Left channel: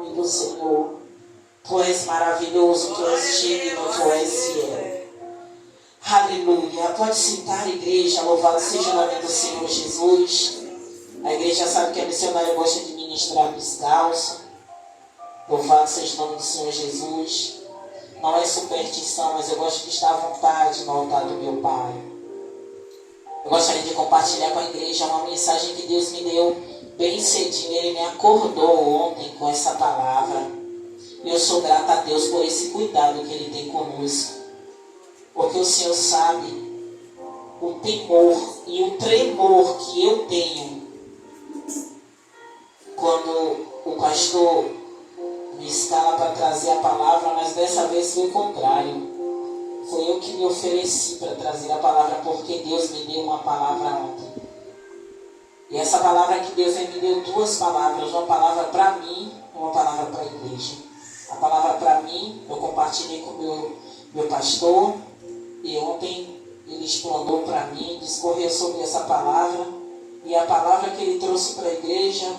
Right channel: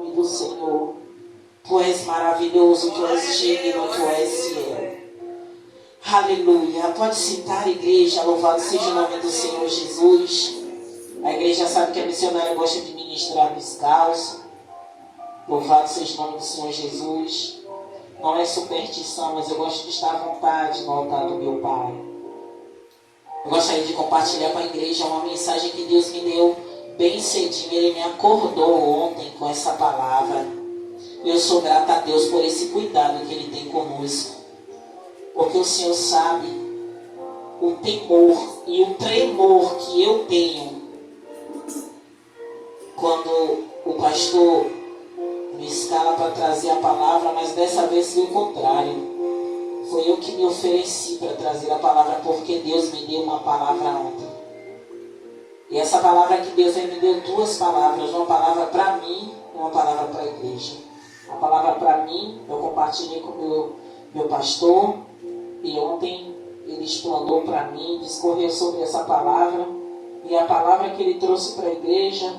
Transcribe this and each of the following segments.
nome do Senhor. Tu és maravilhoso, tu és digno, tu és fiel. Aleluia. Pode sentar, igreja. Louvado seja o nome do Senhor Jesus. A igreja sabe que a missionária gosta de ministrar descalço. Louvado seja o nome do Senhor Jesus. Não é superstição, mas eu gosto de estar à vontade no altar do meu Pai. Eu gostaria de compartilhar com a igreja uma mensagem que Deus me deu bem cedinho. Ele me acordou ontem com essa palavra. E eu sou grata a Deus por esse cuidado que Ele tem conosco. Porque o Senhor sabe o temor e o tremor que eu tenho quando o pastor me escala para trazer a palavra, mas dessa vez foi o contrário. Foi eu que me ofereci para trazer a palavra, porque Deus me deu uma palavra ontem. E essa palavra que Deus me deu, duas palavras, uma palavra para mim e uma palavra para a igreja. A palavra para mim, eu compartilhei com o meu pastor, e ontem ele explanou para mim, discorreu sobre essa palavra, e a palavra que ele trouxe para a igreja,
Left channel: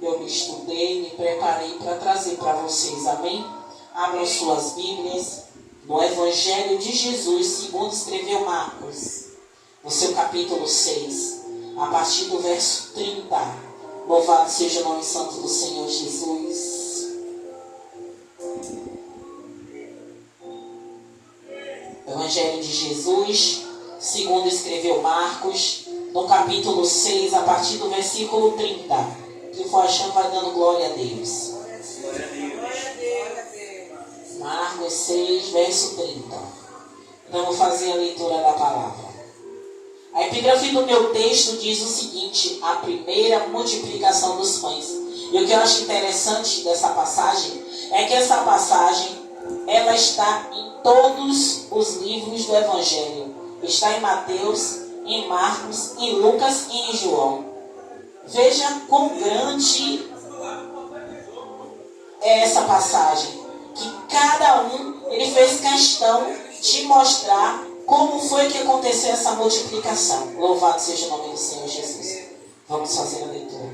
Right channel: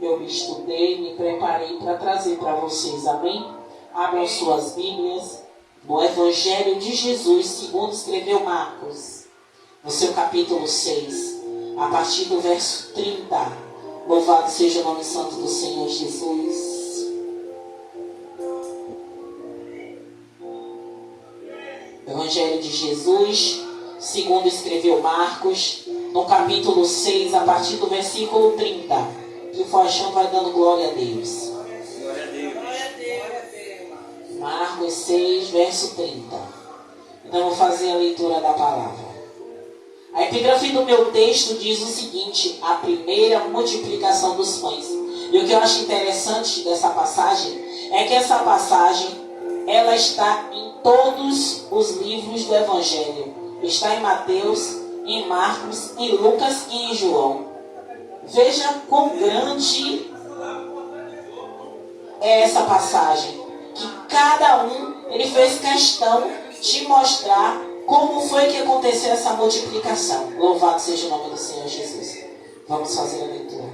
eu me estudei, me preparei para trazer para vocês, amém? Abram suas Bíblias no Evangelho de Jesus, segundo escreveu Marcos, no seu capítulo 6, a partir do verso 30. Louvado seja o nome santo do Senhor Jesus. Evangelho de Jesus, segundo escreveu Marcos, no capítulo 6, a partir do versículo 30. Quem for achando vai dando glória a Deus. Marcos 6, verso 30. Então vou fazer a leitura da palavra. A epígrafe do meu texto diz o seguinte: a primeira multiplicação dos pães. E o que eu acho interessante dessa passagem é que essa passagem ela está em todos os livros do Evangelho. Está em Mateus, em Marcos, em Lucas e em João. Veja quão grande é essa passagem. Que cada um, ele fez questão de mostrar como foi que aconteceu essa multiplicação. Louvado seja o nome do Senhor Jesus. Vamos fazer a leitura.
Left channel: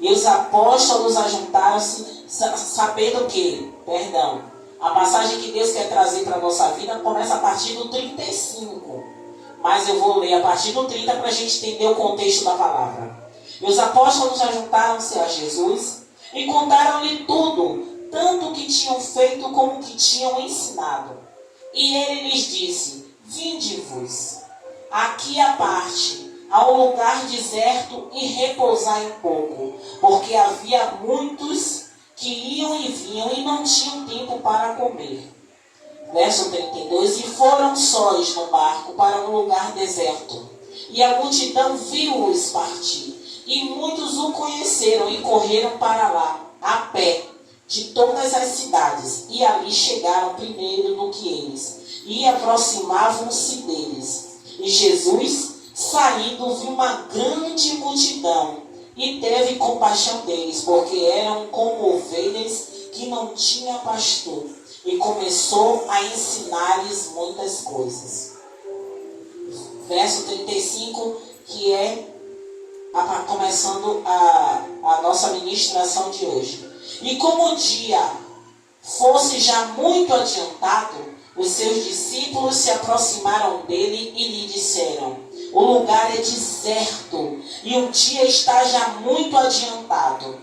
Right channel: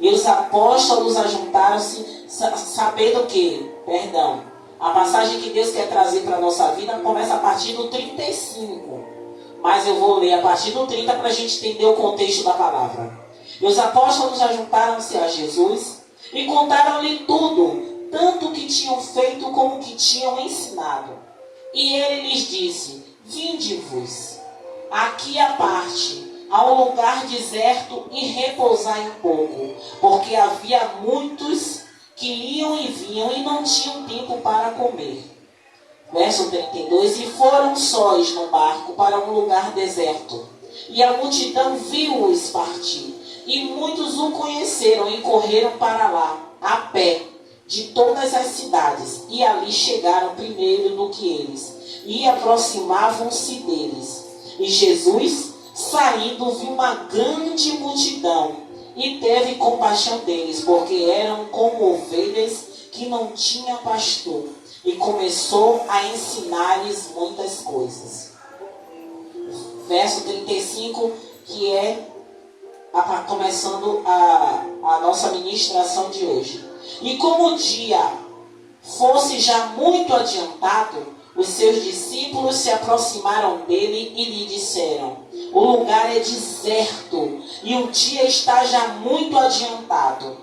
E os apóstolos ajuntaram-se sabendo que, a passagem que Deus quer trazer para a nossa vida começa a partir do 35. Mas eu vou ler a partir do 30 para a gente entender o contexto da palavra. E os apóstolos ajuntaram-se a Jesus e contaram-lhe tudo, tanto o que tinham feito como o que tinham ensinado. E ele lhes disse: vinde-vos aqui à parte, a um lugar deserto, e repousai um pouco, porque havia muitos que iam e vinham e não tinham tempo para comer. Verso 32. E foram sós no barco para um lugar deserto, e a multidão viu-os partir. E muitos o conheceram e correram para lá, a pé, de todas as cidades. E ali chegaram primeiro do que eles, e aproximavam-se deles. E Jesus, saindo, viu uma grande multidão, e teve compaixão deles, porque eram como ovelhas que não tinham pastor. E começou a ensinar-lhes muitas coisas. Verso 35, que é começando a nossa ministração de hoje. E como o dia fosse já muito adiantado, os seus discípulos se aproximaram dele e lhe disseram: o lugar é deserto e o dia está já muito adiantado.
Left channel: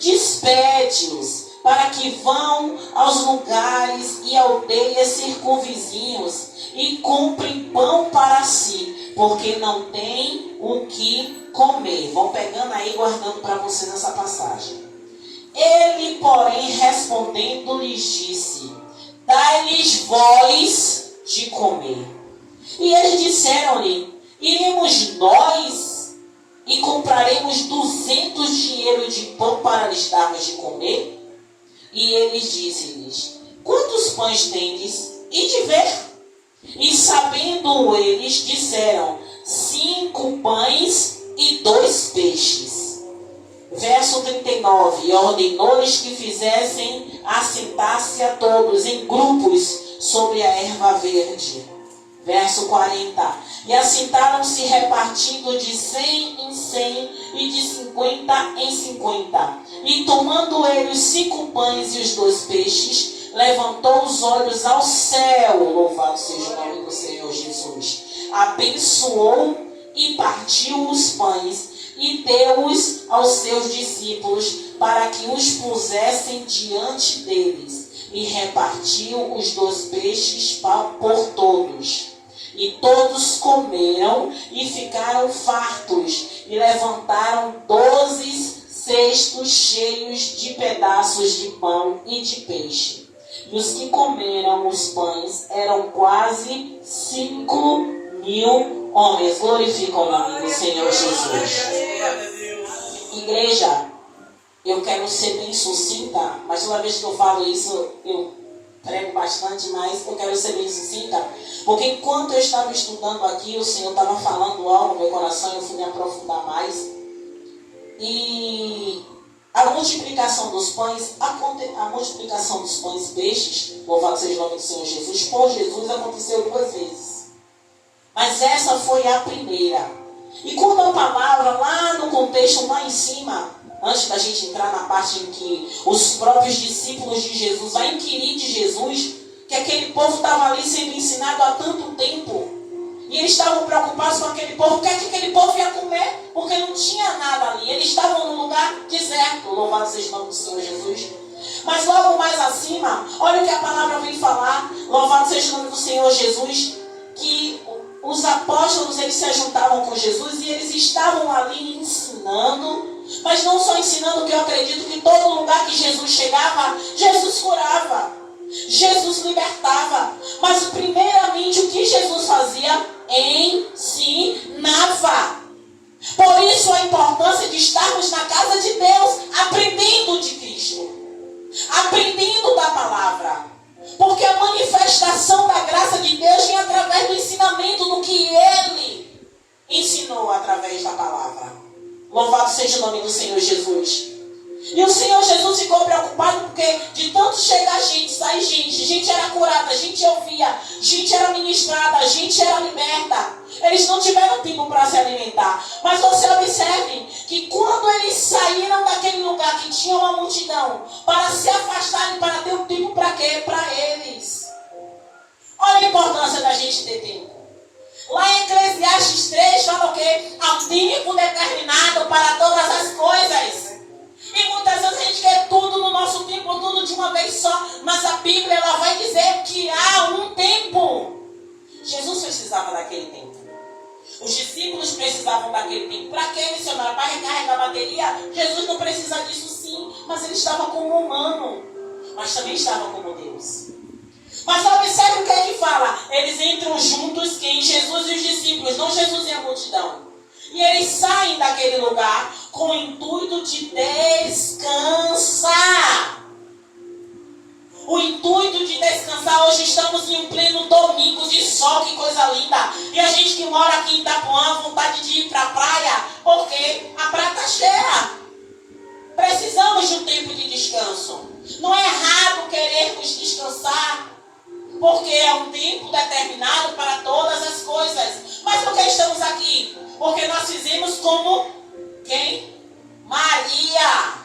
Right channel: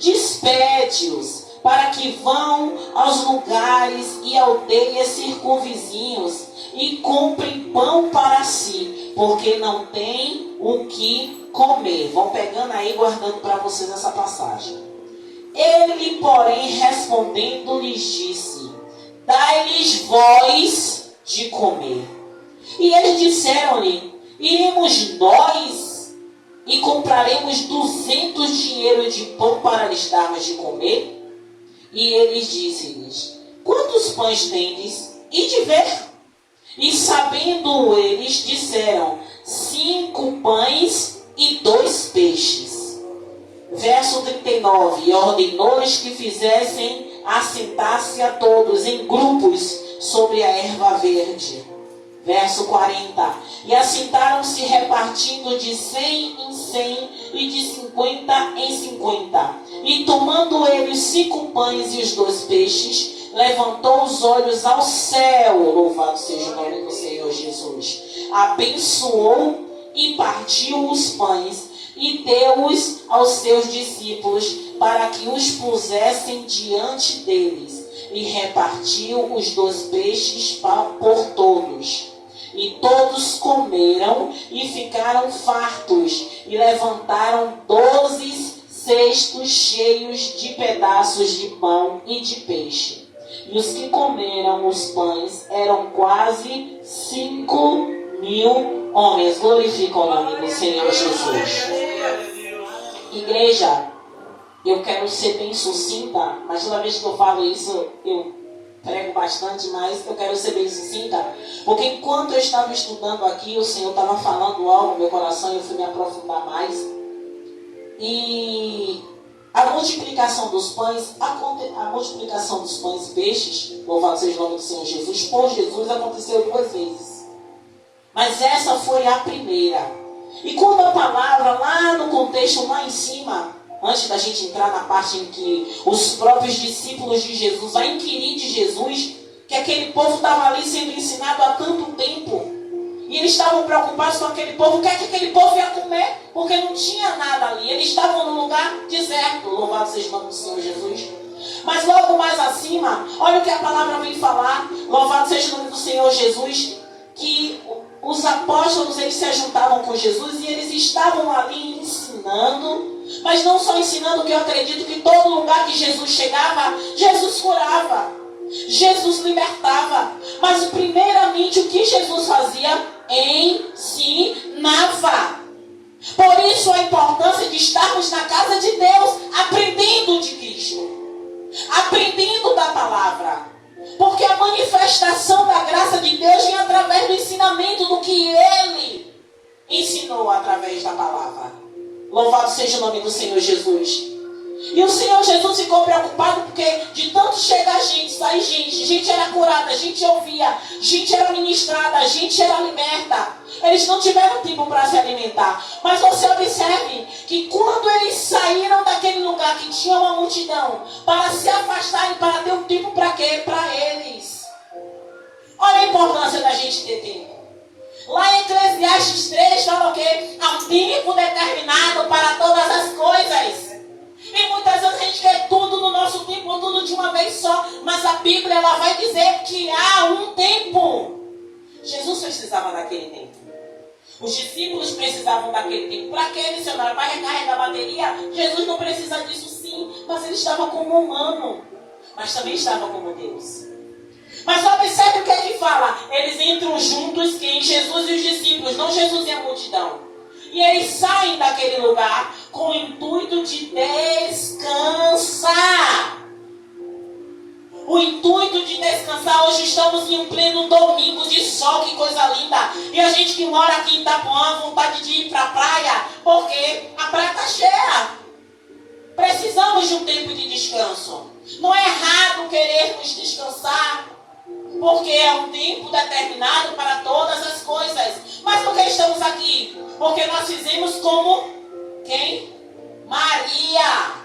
Despede-os para que vão aos lugares e aldeias circunvizinhos e comprem pão para si, porque não tem o que comer. Vão pegando aí, guardando para vocês essa passagem. Ele, porém, respondendo, lhes disse: dai-lhes vós de comer. E eles disseram-lhe: iremos nós e compraremos 200 dinheiros de pão para lhes darmos de comer? E eles disse-lhes: quantos pães tendes? E de ver. E sabendo eles, disseram: 5 pães e 2 peixes. Verso 39. E ordenou-lhes que fizessem assentar-se a todos em grupos sobre a erva verde. Verso 40. E assentaram-se repartindo de 100 em 100 e de 50 em 50. E tomando ele os 5 pães e os 2 peixes, levantou os olhos ao céu. Louvado seja o nome do Senhor Jesus. Abençoou e partiu os pães e deu-os aos seus discípulos para que os pusessem diante deles. E repartiu os 2 peixes por todos. E todos comeram e ficaram fartos, e levantaram 12 cestos cheios de pedaços de pão e de peixe. E os que comeram os pães eram quase 5.000 homens. Glorifica o nome do Senhor Jesus. Igreja, eu quero ser bem sucinta, mas toda vez que eu falo isso, eu prego bastante, mas eu quero ser bem sucinta, porque enquanto eu estava estudando aqui, o Senhor estava falando algo no meu coração e eu fui me aprofundar mais. E a multiplicação dos pães e peixes, louvado seja o nome do Senhor Jesus, por Jesus aconteceu 2 vezes. Mas essa foi a primeira. E quando a palavra, lá no contexto, lá em cima, antes da gente entrar na parte em que os próprios discípulos de Jesus vão inquirir de Jesus, que aquele povo estava ali sendo ensinado há tanto tempo, e eles estavam preocupados com aquele povo, o que é que aquele povo ia comer, porque não tinha nada ali, eles estavam num lugar deserto, louvado seja o nome do Senhor Jesus. Mas logo mais acima, olha o que a palavra vem falar, louvado seja o nome do Senhor Jesus, que os apóstolos, eles se juntavam com Jesus e eles estavam ali ensinando, mas não só ensinando, que eu acredito que todo lugar que Jesus chegava, Jesus curava, Jesus libertava, mas primeiramente o que Jesus fazia? Ensinava. Por isso a importância de estarmos na casa de Deus, aprendendo de Cristo, aprendendo da palavra. Porque a manifestação da graça de Deus vem através do ensinamento do que Ele ensinou através da palavra. Louvado seja o nome do Senhor Jesus. E o Senhor Jesus ficou preocupado porque de tanto chegar gente, sair gente era curada, gente ouvia, gente era ministrada, gente era liberta. Eles não tiveram tempo para se alimentar. Mas você observe que quando eles saíram daquele lugar que tinha uma multidão, para se afastarem, para ter um tempo para quê? Para eles. Olha a importância da gente ter tempo. Lá em Eclesiastes 3 fala o quê? Há um tempo determinado para todas as coisas. E muitas vezes a gente quer tudo no nosso tempo, tudo de uma vez só. Mas a Bíblia ela vai dizer que há um tempo. Jesus precisava daquele tempo. Os discípulos precisavam daquele tempo. Para que, missionário? Para recarregar a bateria? Jesus não precisa disso, sim. Mas ele estava como humano. Mas também estava como Deus. Mas observe o que ele fala. Eles entram juntos, quem? Jesus e os discípulos, não Jesus e a multidão. E eles saem daquele lugar com o intuito de descansar. O intuito de descansar. Hoje estamos em um pleno domingo de sol, que coisa linda. E a gente que mora aqui em Itapuã, vontade de ir para a praia, porque a praia está cheia. Precisamos de um tempo de descanso. Não é errado querermos descansar, porque é um tempo determinado para todas as coisas. Mas por que estamos aqui? Porque nós fizemos como quem? Maria.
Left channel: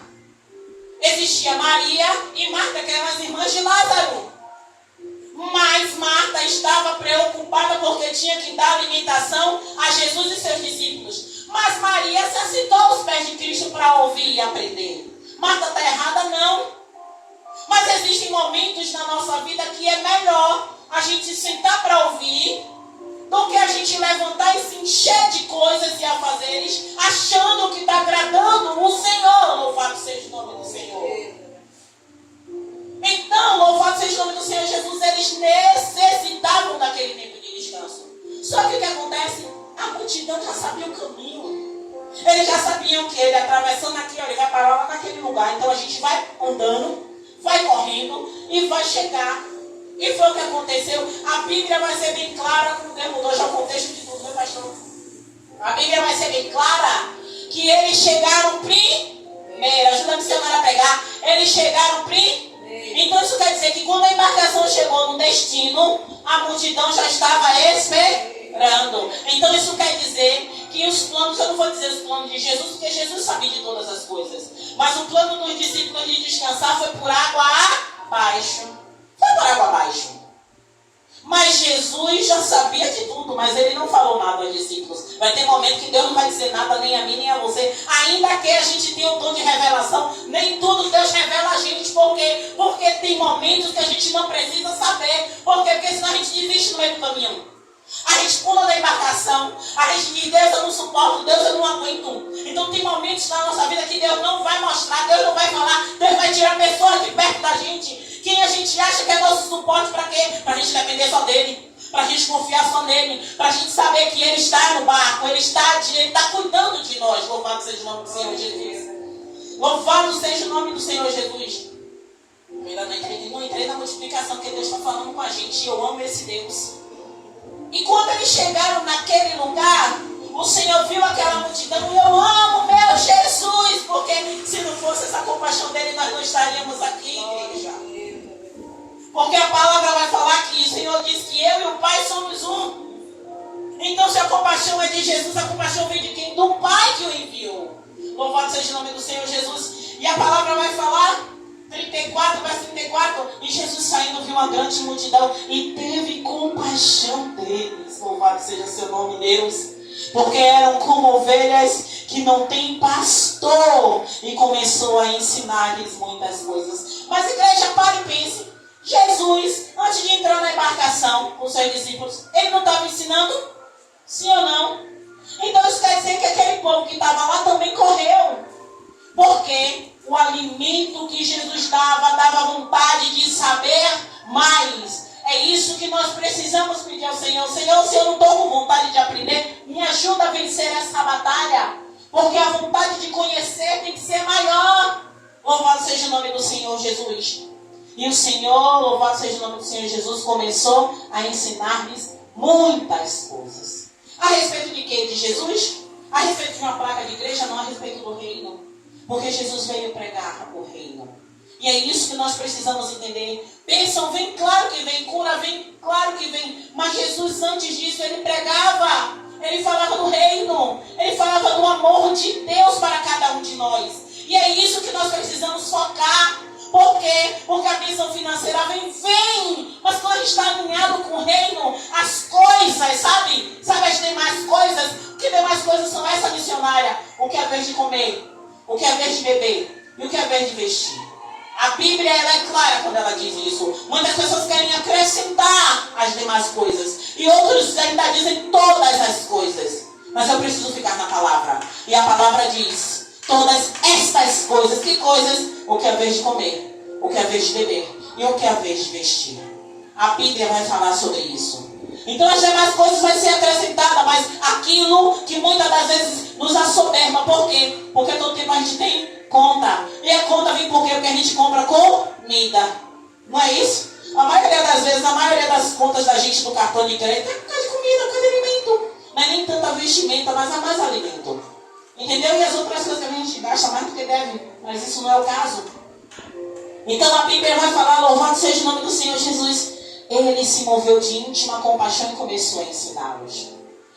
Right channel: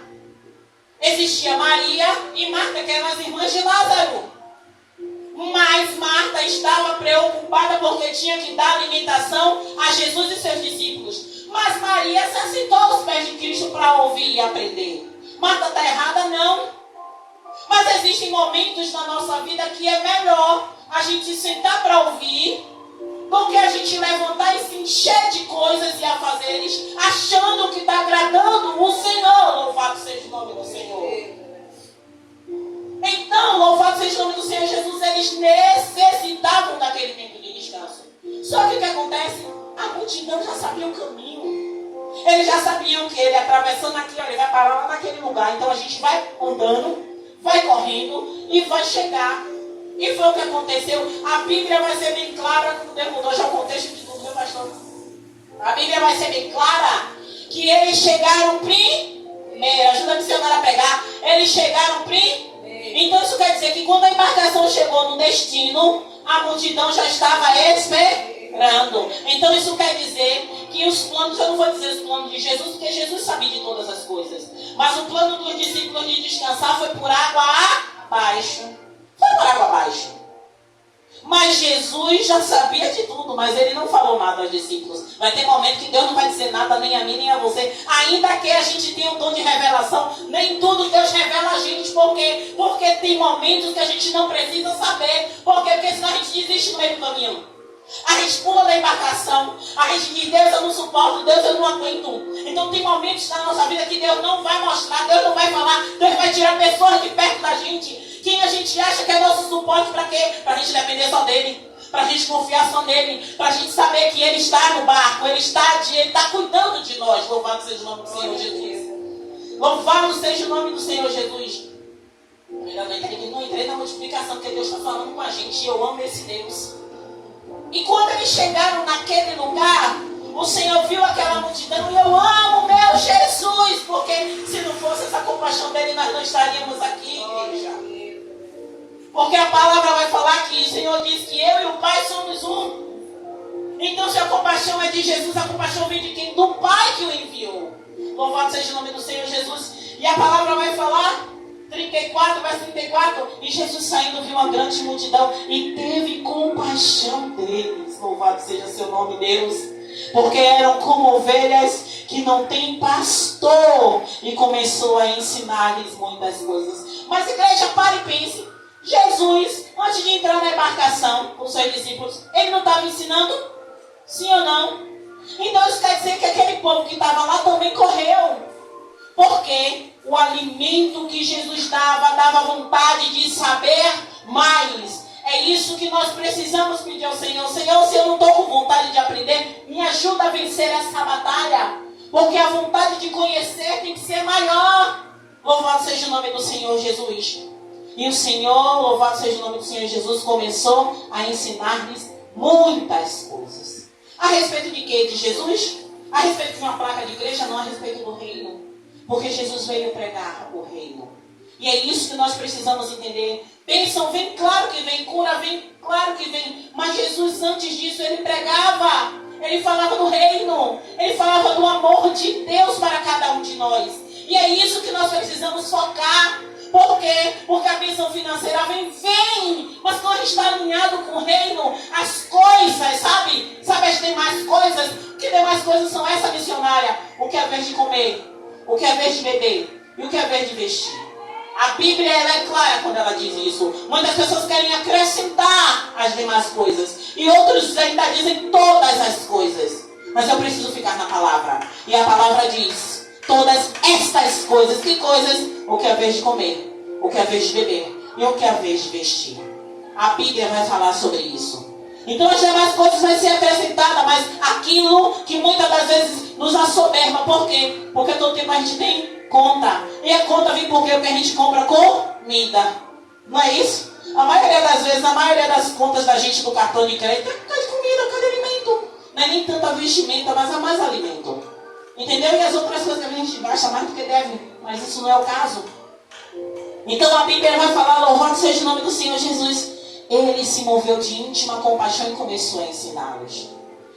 Existia Maria e Marta, que eram as irmãs de Lázaro. Mas Marta estava preocupada porque tinha que dar alimentação a Jesus e seus discípulos. Mas Maria se assentou aos pés de Cristo para ouvir e aprender. Marta está errada? Não. Mas existem momentos na nossa vida que é melhor a gente sentar para ouvir do que a gente levantar e se encher de coisas e afazeres, achando que está agradando o Senhor. Louvado seja o nome do Senhor. Então, louvado seja o nome do Senhor Jesus, eles necessitavam daquele tempo de descanso. Só que o que acontece? A multidão já sabia o caminho. Eles já sabiam que ele atravessando aqui, ele vai parar lá naquele lugar. Então a gente vai andando, vai correndo e vai chegar. E foi o que aconteceu. A Bíblia vai ser bem clara, como Deus mudou já o contexto de tudo, meu pastor. A Bíblia vai ser bem clara que eles chegaram primeiro. Ajuda a missionária a pegar. Eles chegaram primeiro. Então isso quer dizer que quando a embarcação chegou no destino, A multidão já estava esperando. Então isso quer dizer que os planos, eu não vou dizer os planos de Jesus, porque Jesus sabia de todas as coisas. Mas o plano dos discípulos de descansar foi por água abaixo. Foi por água abaixo. Mas Jesus já sabia de tudo, mas ele não falou nada aos discípulos. Vai ter momento que Deus não vai dizer nada nem a mim, nem a você. Ainda que a gente tenha o dom de revelação, nem tudo Deus revela a gente. Por quê? Porque tem momentos que a gente não precisa saber. Por quê? Porque senão a gente desiste no meio do caminho. A gente pula da embarcação. A gente diz, Deus, eu não suporto, Deus, eu não aguento. Então tem momentos na nossa vida que Deus não vai mostrar, Deus não vai falar, Deus vai tirar pessoas de perto da gente. Quem a gente acha que é nosso suporte para quê? Para a gente depender só dele. Para a gente confiar só nele. Para a gente saber que ele está no barco. Ele está cuidando de nós. Louvado seja o nome do Senhor Jesus. Louvado seja o nome do Senhor Jesus. Eu ainda não entrei na multiplicação que Deus está falando com a gente. E eu amo esse Deus. E quando eles chegaram naquele lugar, o Senhor viu aquela multidão. E eu amo meu Jesus. Porque se não fosse essa compaixão dele, nós não estaríamos aqui, igreja. Porque a palavra vai falar que o Senhor diz que eu e o Pai somos um. Então se a compaixão é de Jesus, a compaixão vem de quem? Do Pai que o enviou. Louvado seja o nome do Senhor Jesus. E a palavra vai falar, 34, verso 34, e Jesus saindo viu uma grande multidão e teve compaixão deles. Louvado seja seu nome, Deus. Porque eram como ovelhas que não têm pastor. E começou a ensinar-lhes muitas coisas. Mas igreja, pare e pense. Jesus, antes de entrar na embarcação com os seus discípulos, ele não estava ensinando? Sim ou não? Então isso quer dizer que aquele povo que estava lá também correu. Porque o alimento que Jesus dava vontade de saber mais. É isso que nós precisamos pedir ao Senhor. Senhor, se eu não estou com vontade de aprender, me ajuda a vencer essa batalha. Porque a vontade de conhecer tem que ser maior. Louvado seja o nome do Senhor Jesus. E o Senhor, louvado seja o nome do Senhor Jesus, começou a ensinar-lhes muitas coisas. A respeito de quê? De Jesus? A respeito de uma placa de igreja? Não, a respeito do reino. Porque Jesus veio pregar o reino. E é isso que nós precisamos entender. Bênção vem, claro que vem. Cura vem, claro que vem. Mas Jesus, antes disso, ele pregava. Ele falava do reino. Ele falava do amor de Deus para cada um de nós. E é isso que nós precisamos focar. Por quê? Porque a bênção financeira vem. Mas quando a gente está alinhado com o reino, as coisas, sabe as demais coisas? Que demais coisas são essa, missionária? O que é a vez de comer? O que é a vez de beber? E o que é a vez de vestir? A Bíblia, ela é clara quando ela diz isso. Muitas pessoas querem acrescentar as demais coisas. E outros ainda dizem todas as coisas. Mas eu preciso ficar na palavra. E a palavra diz... Todas estas coisas. Que coisas? O que é a vez de comer. O que é a vez de beber. E o que é a vez de vestir. A Bíblia vai falar sobre isso. Então as demais coisas vão ser acrescentadas. Mas aquilo que muitas das vezes nos assoberba. Por quê? Porque todo tempo a gente tem conta. E a conta vem por quê? Porque a gente compra comida. Não é isso? A maioria das vezes, a maioria das contas da gente do cartão de crédito é por causa de comida, por causa de alimento. Não é nem tanta vestimenta, mas é mais alimento. Entendeu? E as outras coisas que a gente gasta mais do que deve. Mas isso não é o caso. Então a Bíblia vai falar, louvado seja o nome do Senhor Jesus. Ele se moveu de íntima compaixão e começou a ensiná-los.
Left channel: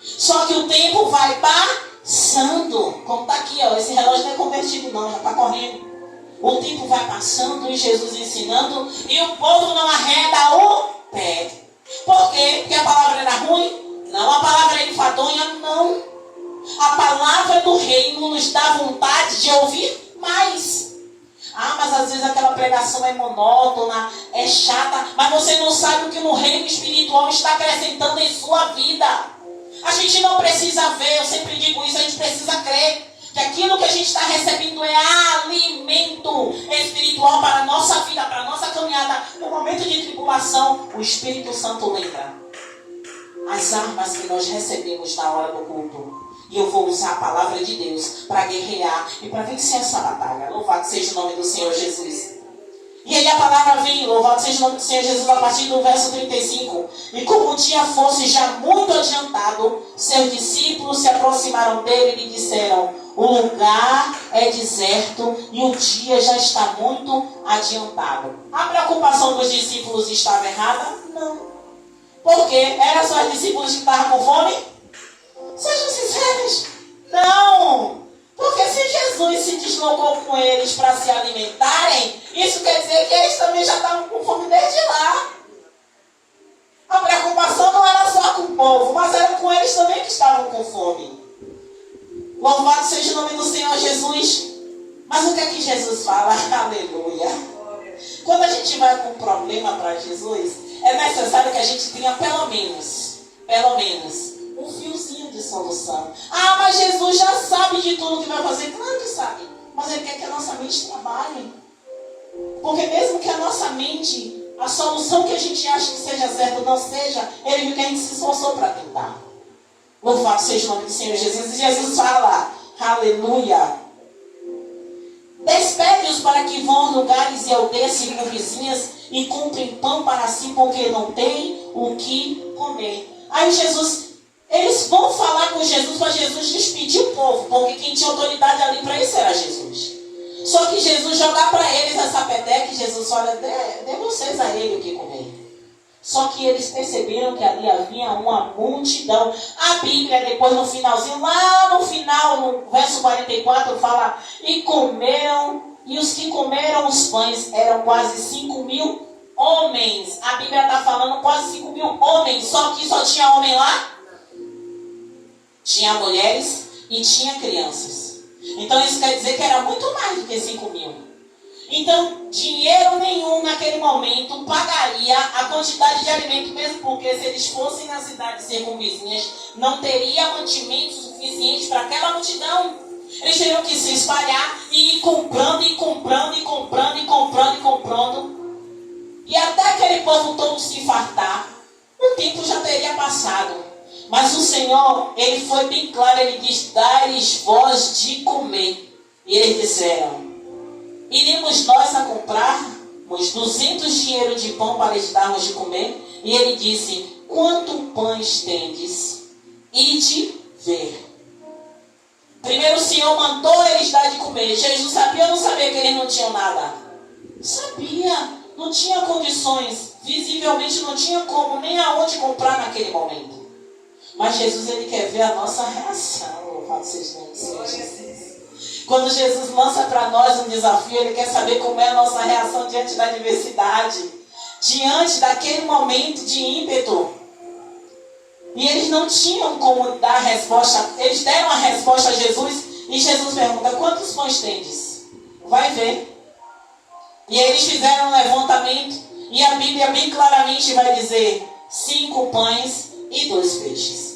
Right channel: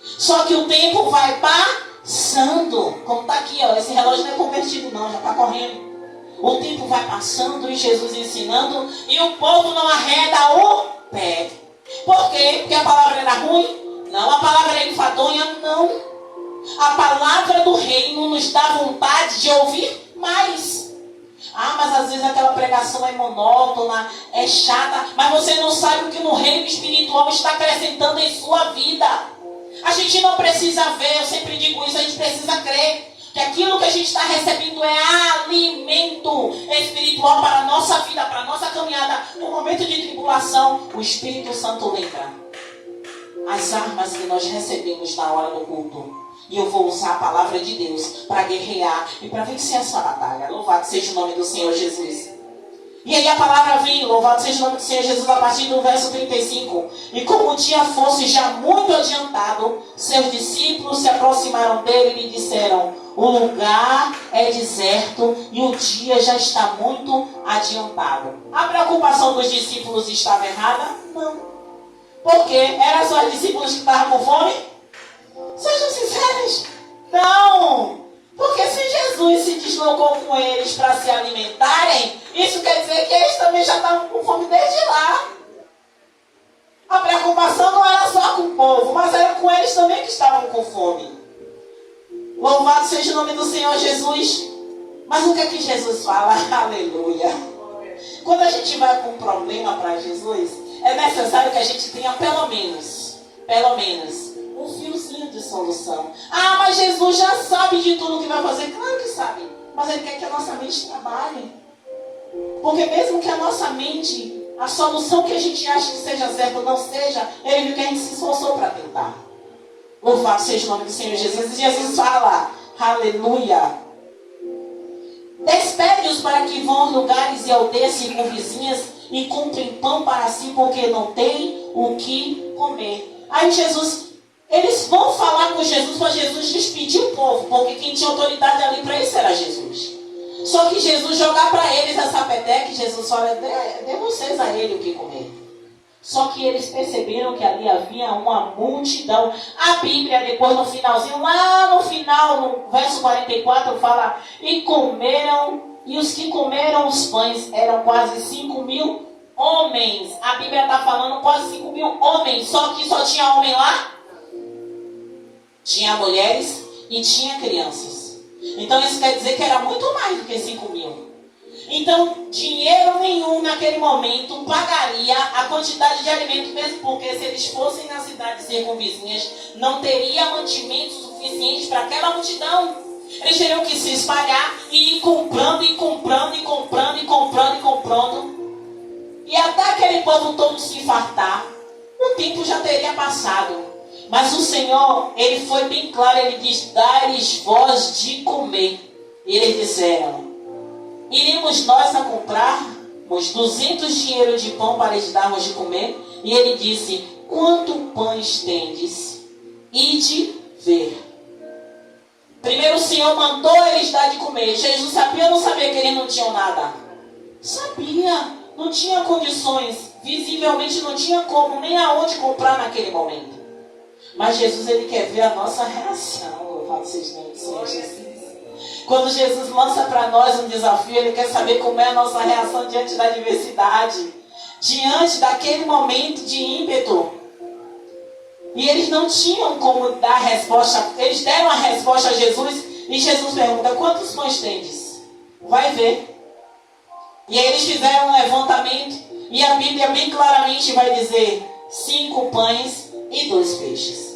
Só que o tempo vai passando. Como está aqui, ó, esse relógio não é convertido não, já está correndo. O tempo vai passando e Jesus ensinando. E o povo não arreda o pé. Por quê? Porque a palavra era ruim? Não. A palavra era enfadonha? Não. A palavra do reino nos dá vontade de ouvir mais. Ah, mas às vezes aquela pregação é monótona, é chata, mas você não sabe o que no reino espiritual está acrescentando em sua vida. A gente não precisa ver, eu sempre digo isso, a gente precisa crer que aquilo que a gente está recebendo é alimento espiritual para a nossa vida, para a nossa caminhada. No momento de tribulação, o Espírito Santo lembra as armas que nós recebemos na hora do culto. E eu vou usar a palavra de Deus para guerrear e para vencer essa batalha. Louvado seja o nome do Senhor Jesus. E aí a palavra vem, louvado seja o nome do Senhor Jesus, a partir do verso 35. E como o dia fosse já muito adiantado, seus discípulos se aproximaram dele e lhe disseram: o lugar é deserto e o dia já está muito adiantado. A preocupação dos discípulos estava errada? Não. Porque eram só os discípulos que estavam com fome? Sejam sinceros. Não. Porque se Jesus se deslocou com eles para se alimentarem, isso quer dizer que eles também já estavam com fome desde lá. A preocupação não era só com o povo, mas era com eles também que estavam com fome. Louvado seja o nome do Senhor Jesus. Mas o que é que Jesus fala? Aleluia. Quando a gente vai com um problema para Jesus, é necessário que a gente tenha pelo menos, um fiozinho de solução. Ah, mas Jesus já sabe de tudo que vai fazer. Claro que sabe. Mas Ele quer que a nossa mente trabalhe. Porque mesmo que a nossa mente, a solução que a gente acha que seja certa ou não seja, Ele viu que a gente se esforçou para tentar. Louvado seja o nome do Senhor Jesus. E Jesus fala, aleluia. Despede-os para que vão a lugares e aldeias circunvizinhas e comprem pão para si, porque não tem o que comer. Aí eles vão falar com Jesus para Jesus despedir o povo, porque quem tinha autoridade ali para isso era Jesus. Só que Jesus jogar para eles essa peteca e Jesus fala, dê vocês a ele o que comer. Só que eles perceberam que ali havia uma multidão. A Bíblia depois no finalzinho, lá no final, no verso 44, fala, e comeram, e os que comeram os pães eram quase 5.000 homens. A Bíblia está falando quase 5.000 homens, só que só tinha homem lá? Tinha mulheres e tinha crianças. Então isso quer dizer que era muito mais do que 5.000. Então, dinheiro nenhum naquele momento pagaria a quantidade de alimento, mesmo porque se eles fossem nas cidades circunvizinhas, não teria mantimento suficiente para aquela multidão. Eles teriam que se espalhar e ir comprando, e comprando, e comprando, e comprando, e comprando. E até aquele povo todo se fartar, o tempo já teria passado. Mas o Senhor, Ele foi bem claro, Ele diz, dá-lhes voz de comer. E eles disseram, iremos nós a comprarmos 200 dinheiros de pão para lhes darmos de comer? E ele disse, quanto pães tendes? Ide ver. Primeiro o Senhor mandou eles dar de comer. Jesus sabia ou não sabia que eles não tinham nada? Sabia. Não tinha condições. Visivelmente não tinha como, nem aonde comprar naquele momento. Mas Jesus, Ele quer ver a nossa reação. Louvado seja o nome do Senhor Jesus. Quando Jesus lança para nós um desafio, Ele quer saber como é a nossa reação diante da adversidade, diante daquele momento de ímpeto. E eles não tinham como dar a resposta. Eles deram a resposta a Jesus e Jesus pergunta, quantos pães tendes? Vai ver. E aí eles fizeram um levantamento e a Bíblia bem claramente vai dizer 5 pães e 2 peixes.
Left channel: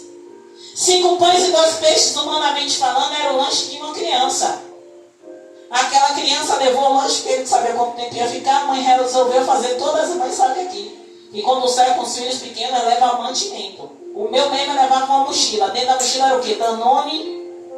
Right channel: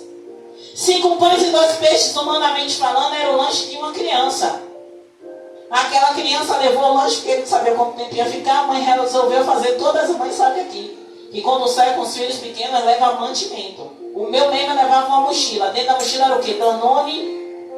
5 pães e 2 peixes, humanamente falando, era o lanche de uma criança. Aquela criança levou o lanche, porque ele sabia quanto tempo ia ficar. A mãe resolveu fazer, todas as mães sabem aqui, que quando sai com os filhos pequenos, leva mantimento. O meu mesmo levava uma mochila. Dentro da mochila era o quê? Danone,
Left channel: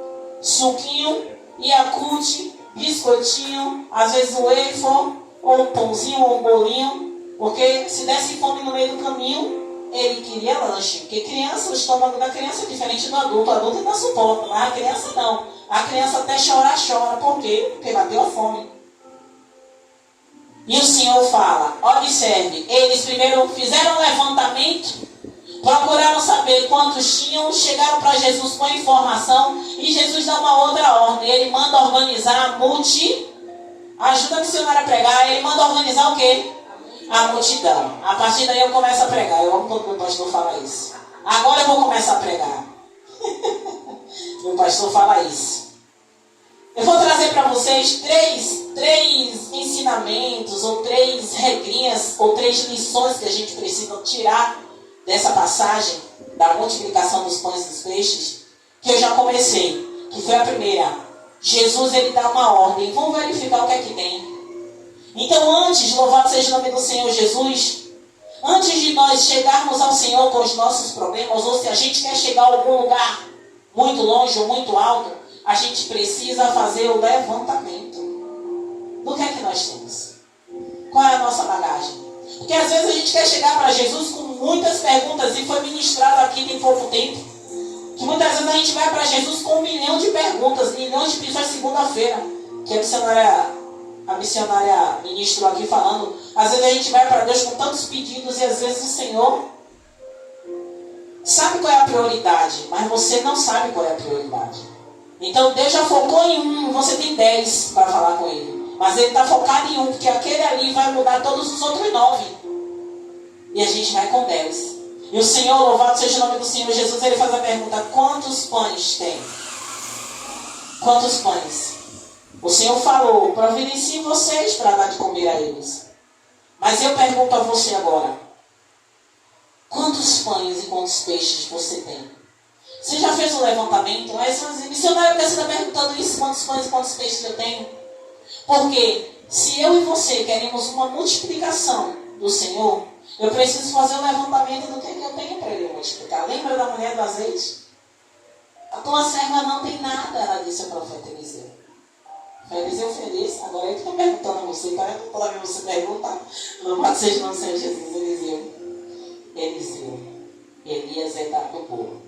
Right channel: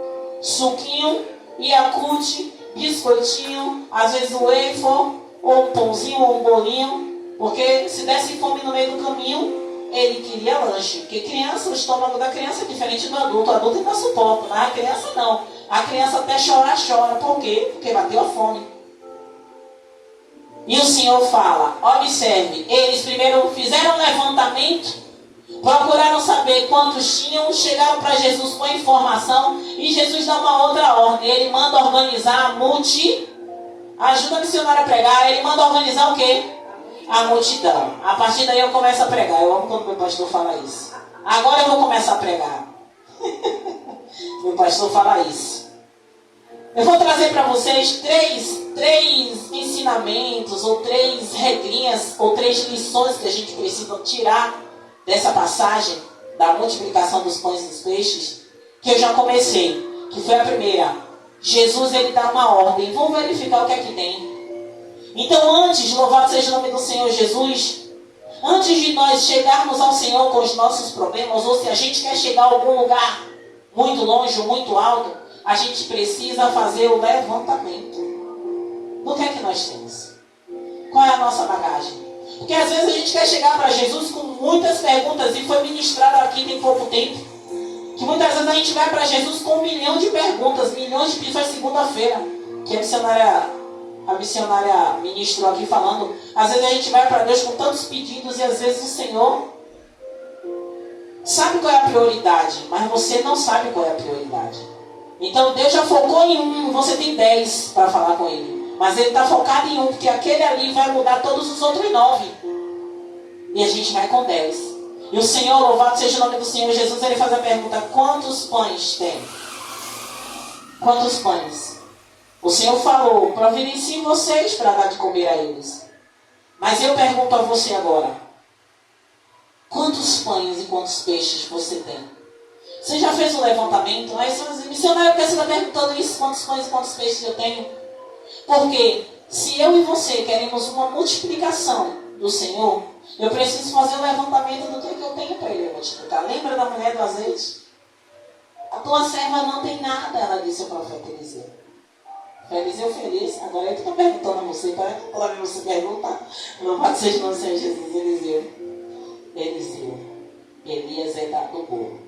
suquinho, Yakult, biscoitinho, às vezes o waffle, ou um pãozinho, ou um bolinho. Porque se desse fome no meio do caminho, ele queria lanche. Porque criança, o estômago da criança é diferente do adulto. O adulto ainda suporta, mas a criança não. A criança até chora. Por quê? Porque bateu a fome. E o Senhor fala, observe, eles primeiro fizeram um levantamento, procuraram saber quantos tinham, chegaram para Jesus com informação, e Jesus dá uma outra ordem. Ele manda organizar a multidão. Ajuda a missionária a pregar. Ele manda organizar o quê? A multidão. A partir daí eu começo a pregar. Eu amo quando meu pastor fala isso. Agora eu vou começar a pregar. Meu pastor fala isso. Eu vou trazer para vocês três ensinamentos, ou 3 regrinhas, ou 3 lições que a gente precisa tirar dessa passagem da multiplicação dos pães e dos peixes, que eu já comecei, que foi a primeira. Jesus, ele dá uma ordem. Vamos verificar o que é que tem. Então antes, louvado seja o nome do Senhor Jesus, antes de nós chegarmos ao Senhor com os nossos problemas, ou se a gente quer chegar a algum lugar muito longe ou muito alto, a gente precisa fazer o levantamento do que é que nós temos. Qual é a nossa bagagem? Porque às vezes a gente quer chegar para Jesus com muitas perguntas, e foi ministrado aqui tem pouco tempo, que muitas vezes a gente vai para Jesus com 1 milhão de perguntas, milhões de pedidos. Segunda-feira, que a missionária ministrou aqui falando, às vezes a gente vai para Deus com tantos pedidos e às vezes o Senhor sabe qual é a prioridade, mas você não sabe qual é a prioridade. Então Deus já focou em um, você tem 10 para falar com ele. Mas ele está focado em um, porque aquele ali vai mudar todos os outros 9. E a gente vai com 10. E o Senhor, louvado seja o nome do Senhor Jesus, ele faz a pergunta: quantos pães tem? Quantos pães? O Senhor falou: providenciem vocês para dar de comer a eles. Mas eu pergunto a você agora: quantos pães e quantos peixes você tem? Você já fez o levantamento? Mas, missionário, por que você está perguntando isso? Quantos pães e quantos peixes eu tenho? Porque se eu e você queremos uma multiplicação do Senhor, eu preciso fazer o levantamento do que eu tenho para ele multiplicar. Lembra da mulher do azeite? A tua serva não tem nada, ela disse ao profeta Eliseu. Eliseu feliz. Agora eu que estou perguntando a você, para que toda vez você perguntar. Louvado seja o Senhor Jesus. Eliseu. Elias é do bolo.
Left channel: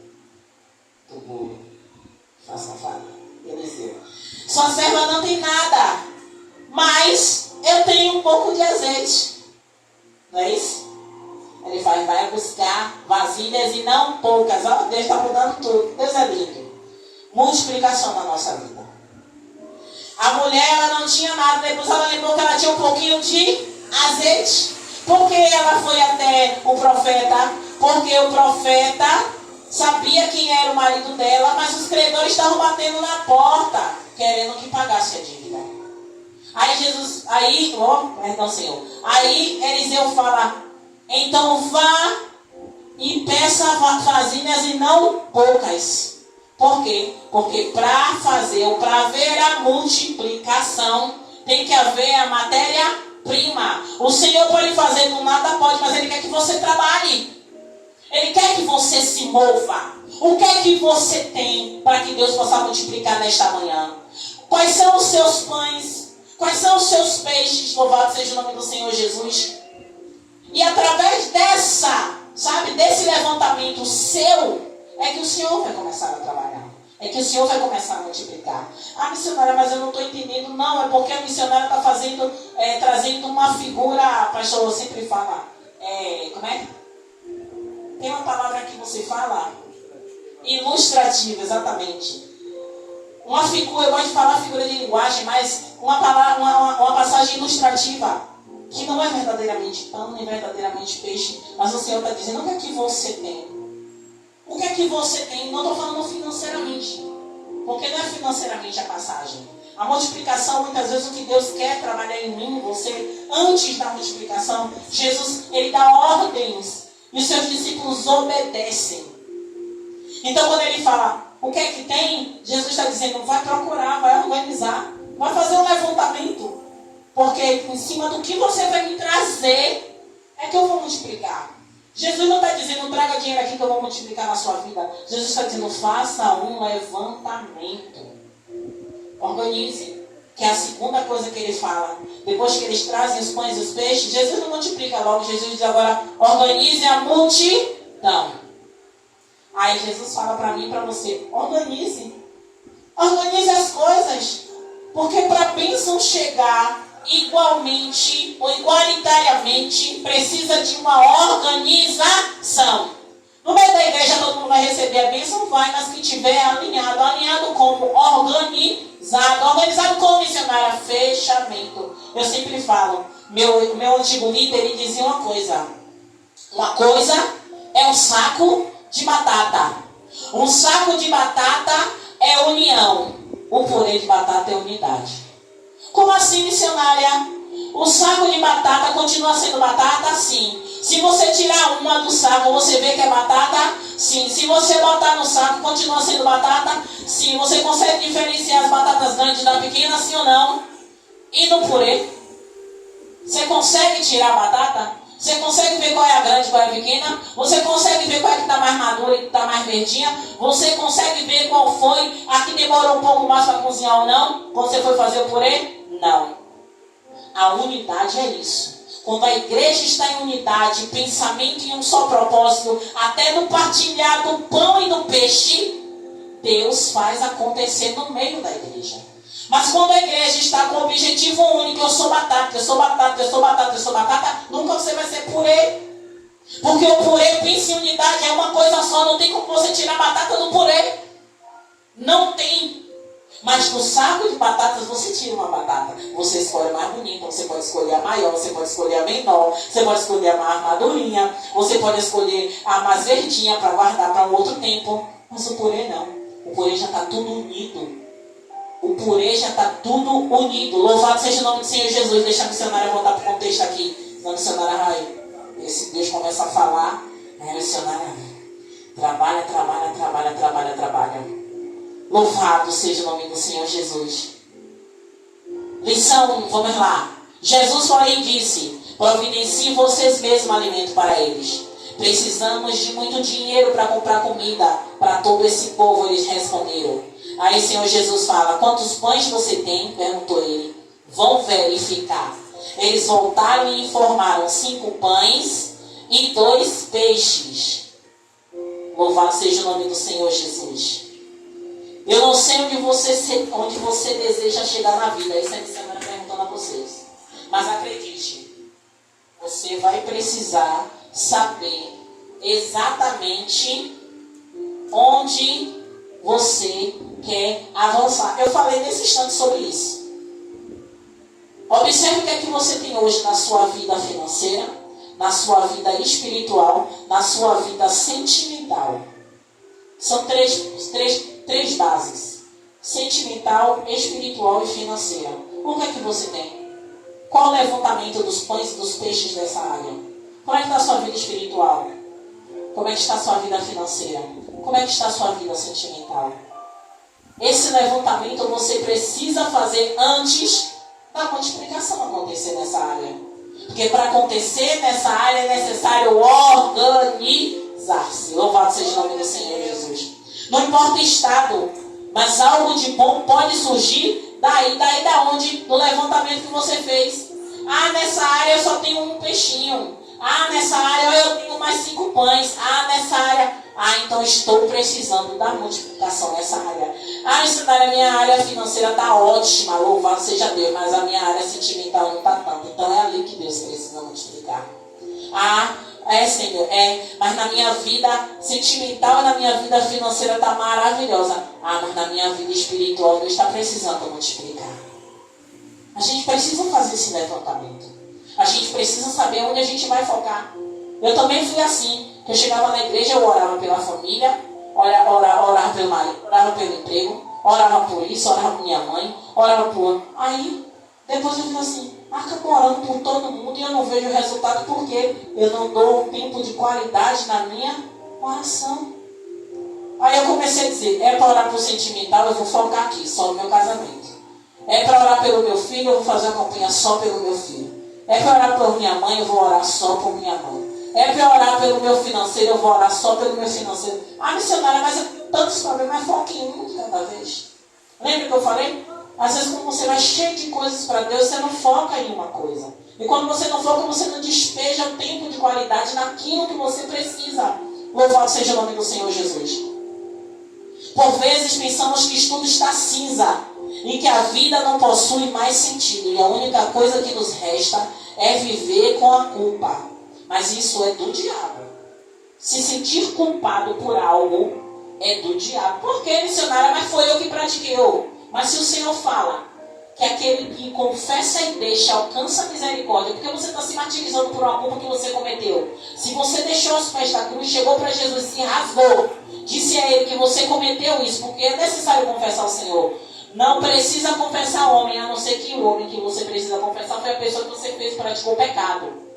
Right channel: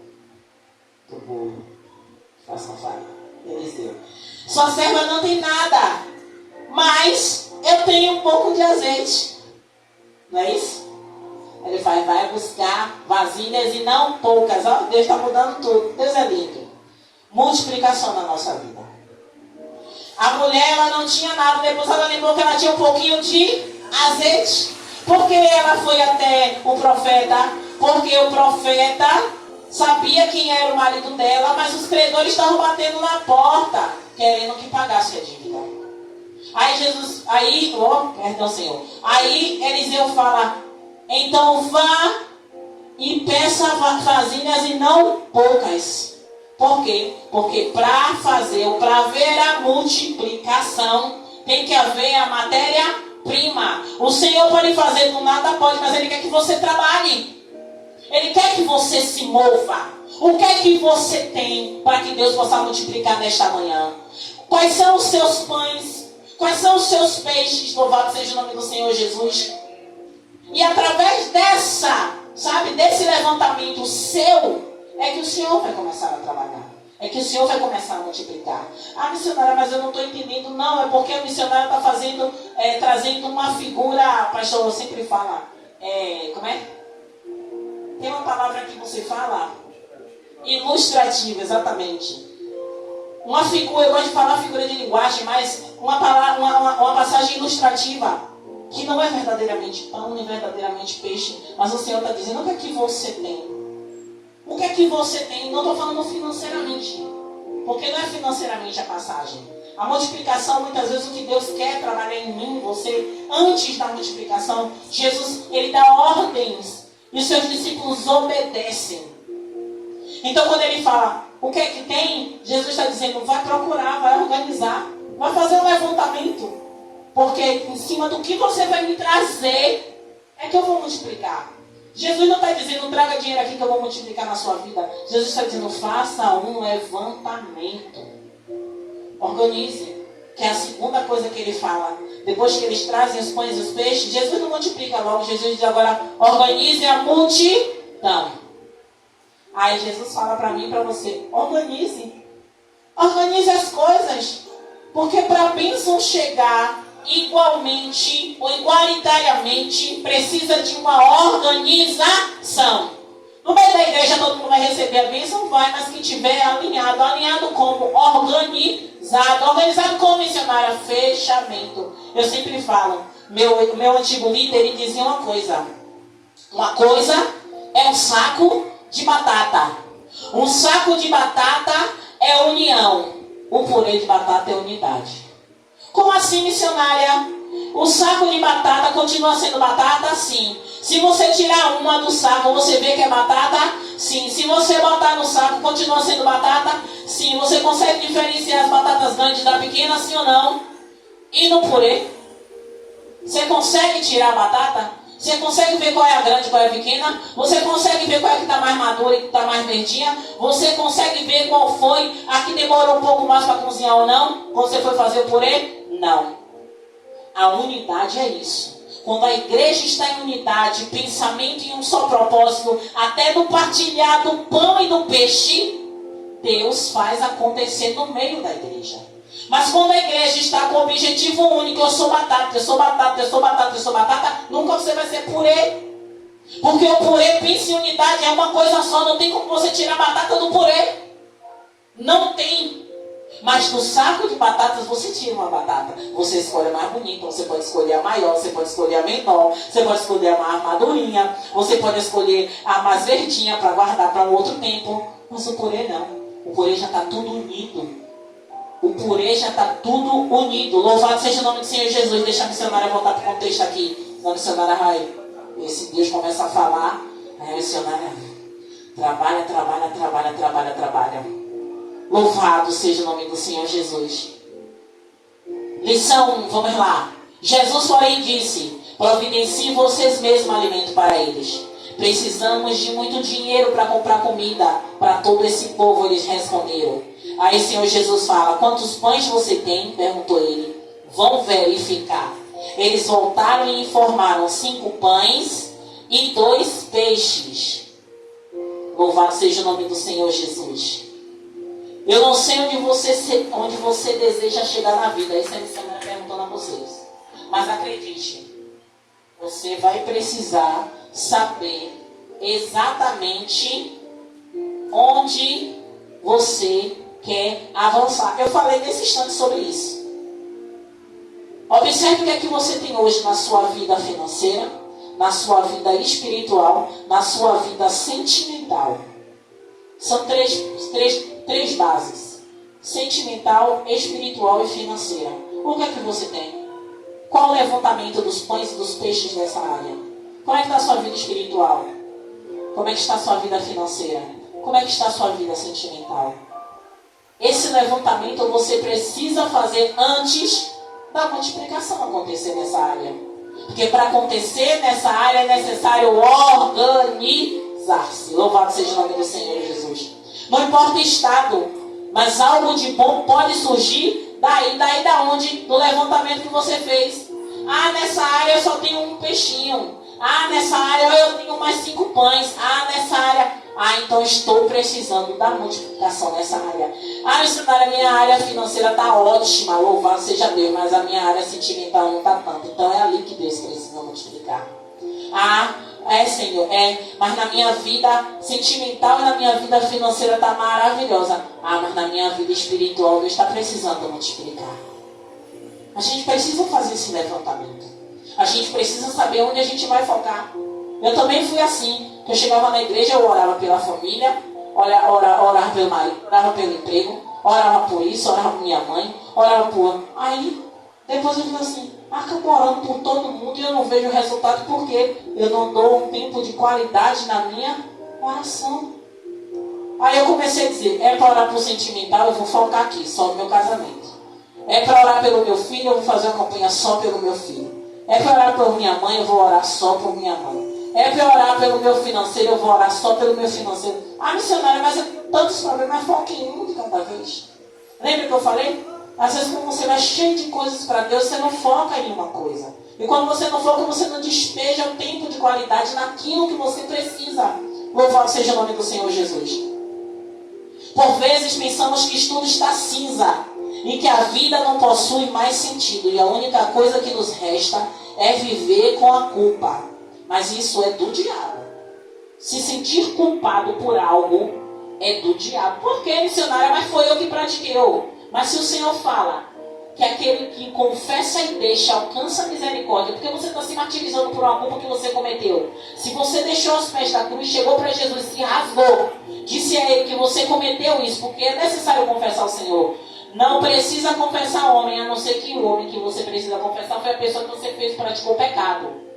Do bolo. Faz uma fala. Eliseu. Sua serva não tem nada, mas eu tenho um pouco de azeite. Não é isso? Ele fala: vai buscar vasilhas e não poucas. Ó, Deus está mudando tudo. Deus é lindo. Multiplicação na nossa vida. A mulher, ela não tinha nada. Depois ela lembrou que ela tinha um pouquinho de azeite. Por que ela foi até o profeta? Porque o profeta sabia quem era o marido dela, mas os credores estavam batendo na porta, querendo que pagasse a dívida. Senhor. Aí Eliseu fala: então vá e peça vasilhas e não poucas. Por quê? Porque para fazer ou para haver a multiplicação, tem que haver a matéria-prima. O Senhor pode fazer do nada, pode, mas Ele quer que você trabalhe. Ele quer que você se mova. O que é que você tem para que Deus possa multiplicar nesta manhã? Quais são os seus pães? Quais são os seus peixes? Louvado seja o nome do Senhor Jesus. E através desse levantamento seu, é que o Senhor vai começar a trabalhar. É que o Senhor vai começar a multiplicar. Ah, missionária, mas eu não estou entendendo. Não, é porque a missionária está trazendo uma figura, a pastor sempre fala, como é? Tem uma palavra que você fala? Ilustrativa, exatamente. Uma figura, eu gosto de falar figura de linguagem, mas uma passagem ilustrativa, que não é verdadeiramente pão, nem verdadeiramente peixe, mas o Senhor está dizendo: o que é que você tem? O que é que você tem? Não estou falando financeiramente, porque não é financeiramente a passagem. A multiplicação, muitas vezes, o que Deus quer trabalhar em mim, você, antes da multiplicação, Jesus, Ele dá ordens, e os seus discípulos obedecem. Então, quando Ele fala: o que é que tem? Jesus está dizendo: vai procurar, vai organizar, vai fazer um levantamento. Porque em cima do que você vai me trazer, é que eu vou multiplicar. Jesus não está dizendo: traga dinheiro aqui que eu vou multiplicar na sua vida. Jesus está dizendo: faça um levantamento. Organize. Que é a segunda coisa que Ele fala. Depois que eles trazem os pães e os peixes, Jesus não multiplica logo. Jesus diz agora: organize a multidão. Aí Jesus fala para mim e para você: organize. Organize as coisas. Porque para a bênção chegar igualmente ou igualitariamente, precisa de uma organização. No meio da igreja todo mundo vai receber a bênção? Vai, mas que tiver alinhado. Alinhado como? Organizado. Organizado como, missionária? Fechamento. Eu sempre falo, meu antigo líder, ele dizia uma coisa. Uma coisa é um saco de batata. Um saco de batata é união. O purê de batata é unidade. Como assim, missionária? O saco de batata continua sendo batata? Sim. Se você tirar uma do saco, você vê que é batata? Sim. Se você botar no saco, continua sendo batata? Sim. Você consegue diferenciar as batatas grandes da pequena, sim ou não? E no purê? Você consegue tirar a batata? Você consegue ver qual é a grande e qual é a pequena? Você consegue ver qual é que está mais madura e que está mais verdinha? Você consegue ver qual foi a que demorou um pouco mais para cozinhar ou não? Quando você foi fazer o purê? Não. A unidade é isso. Quando a igreja está em unidade, pensamento em um só propósito, até no partilhar do pão e do peixe, Deus faz acontecer no meio da igreja. Mas quando a igreja está com o objetivo único: eu sou batata, eu sou batata, eu sou batata, eu sou batata, nunca você vai ser purê. Porque o purê, pensa em unidade, é uma coisa só. Não tem como você tirar a batata do purê. Não tem. Mas no saco de batatas você tira uma batata. Você escolhe a mais bonita, você pode escolher a maior, você pode escolher a menor, você pode escolher a mais madurinha, você pode escolher a mais verdinha para guardar para um outro tempo. Mas o purê não. O purê já está tudo unido. O purê já está tudo unido. Louvado seja o nome do Senhor Jesus. Deixa a missionária voltar para o contexto aqui. A missionária Rai. Esse Deus começa a falar. Aí a missionária trabalha. Louvado seja o nome do Senhor Jesus. Lição 1, vamos lá. Jesus, porém, disse: providenciem vocês mesmos alimento para eles. Precisamos de muito dinheiro para comprar comida para todo esse povo. Eles responderam. Aí o Senhor Jesus fala: quantos pães você tem? Perguntou ele. Vão verificar. Eles voltaram e informaram: 5 pães e 2 peixes. Louvado seja o nome do Senhor Jesus. Eu não sei onde você deseja chegar na vida. Isso é semana perguntando a vocês. Mas acredite, você vai precisar saber exatamente onde você quer avançar. Eu falei nesse instante sobre isso. Observe o que é que você tem hoje na sua vida financeira, na sua vida espiritual, na sua vida sentimental. São três bases: sentimental, espiritual e financeira. O que é que você tem? Qual o levantamento dos pães e dos peixes dessa área? Como é que está a sua vida espiritual? Como é que está a sua vida financeira? Como é que está a sua vida sentimental? Esse levantamento você precisa fazer antes da multiplicação acontecer nessa área. Porque para acontecer nessa área é necessário organizar-se. Louvado seja o nome do Senhor Jesus. Não importa o estado, mas algo de bom pode surgir daí da onde? Do levantamento que você fez. Ah, nessa área eu só tenho um peixinho. Ah, nessa área eu tenho mais 5 pães. Ah, nessa área... Ah, então estou precisando da multiplicação nessa área. Ah, missionária, minha área financeira está ótima, louvado seja Deus, mas a minha área sentimental não está tanto. Então é ali que Deus precisa multiplicar. Ah, Senhor, mas na minha vida sentimental e na minha vida financeira está maravilhosa. Ah, mas na minha vida espiritual Deus está precisando multiplicar. A gente precisa fazer esse levantamento. A gente precisa saber onde a gente vai focar. Eu também fui assim. Eu chegava na igreja, eu orava pela família, orava pelo marido, orava pelo emprego, orava por isso, orava por minha mãe, orava por... Aí, depois eu digo assim, acabo orando por todo mundo e eu não vejo resultado porque eu não dou um tempo de qualidade na minha oração. Aí eu comecei a dizer, é para orar por sentimental, eu vou focar aqui, só no meu casamento. É para orar pelo meu filho, eu vou fazer uma campanha só pelo meu filho. É para orar por minha mãe, eu vou orar só por minha mãe. É para orar pelo meu financeiro, eu vou orar só pelo meu financeiro. Ah, missionária, mas eu tenho tantos problemas, foca em um de cada vez. Lembra que eu falei? Às vezes quando você vai cheio de coisas para Deus, você não foca em uma coisa. E quando você não foca, você não despeja o tempo de qualidade naquilo que você precisa. Louvado seja o nome do Senhor Jesus. Por vezes pensamos que tudo está cinza e que a vida não possui mais sentido. E a única coisa que nos resta é viver com a culpa. Mas isso é do diabo. Se sentir culpado por algo é do diabo. Por que, missionária? Mas foi eu que pratiquei. Mas se o Senhor fala que aquele que confessa e deixa alcança a misericórdia, porque você está se martirizando por uma culpa que você cometeu. Se você deixou os pés da cruz, chegou para Jesus e se rasgou, disse a ele que você cometeu isso, porque é necessário confessar ao Senhor. Não precisa confessar ao homem, a não ser que o homem que você precisa confessar foi a pessoa que você fez, praticou pecado.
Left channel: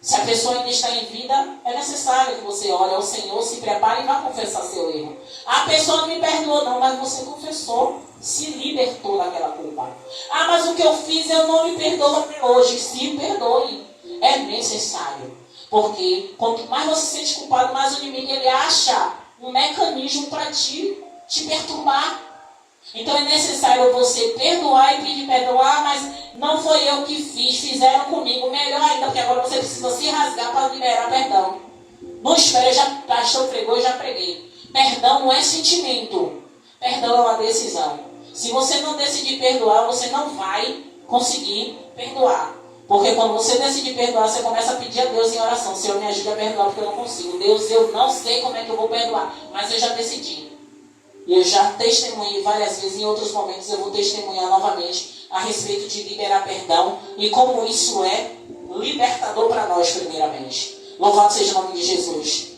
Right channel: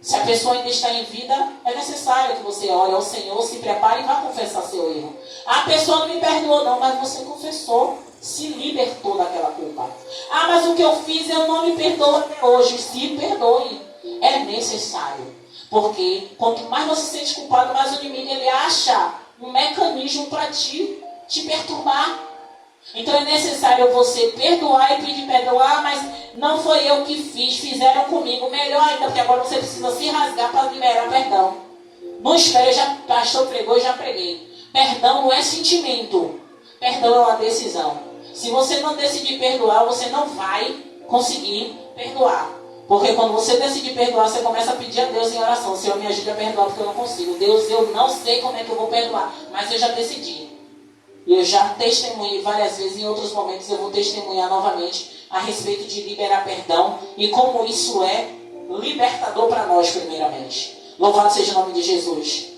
Se a pessoa ainda está em vida, é necessário que você ore ao Senhor, se prepare e vá confessar seu erro. A pessoa não me perdoou não, mas você confessou, se libertou daquela culpa. Ah, mas o que eu fiz eu não me perdoo até hoje. Se perdoe, é necessário. Porque quanto mais você se sente culpado, mais o inimigo ele acha um mecanismo para te perturbar. Então é necessário você perdoar e pedir perdão. Ah, mas não foi eu que fiz, fizeram comigo. Melhor ainda, porque agora você precisa se rasgar para liberar perdão. Não espere, pastor pregou, eu já preguei. Perdão não é sentimento. Perdão é uma decisão. Se você não decidir perdoar, você não vai conseguir perdoar. Porque quando você decide perdoar, você começa a pedir a Deus em oração. Senhor, me ajude a perdoar porque eu não consigo. Deus, eu não sei como é que eu vou perdoar, mas eu já decidi. E eu já testemunhei várias vezes, em outros momentos eu vou testemunhar novamente a respeito de liberar perdão e como isso é libertador para nós, primeiramente. Louvado seja o nome de Jesus.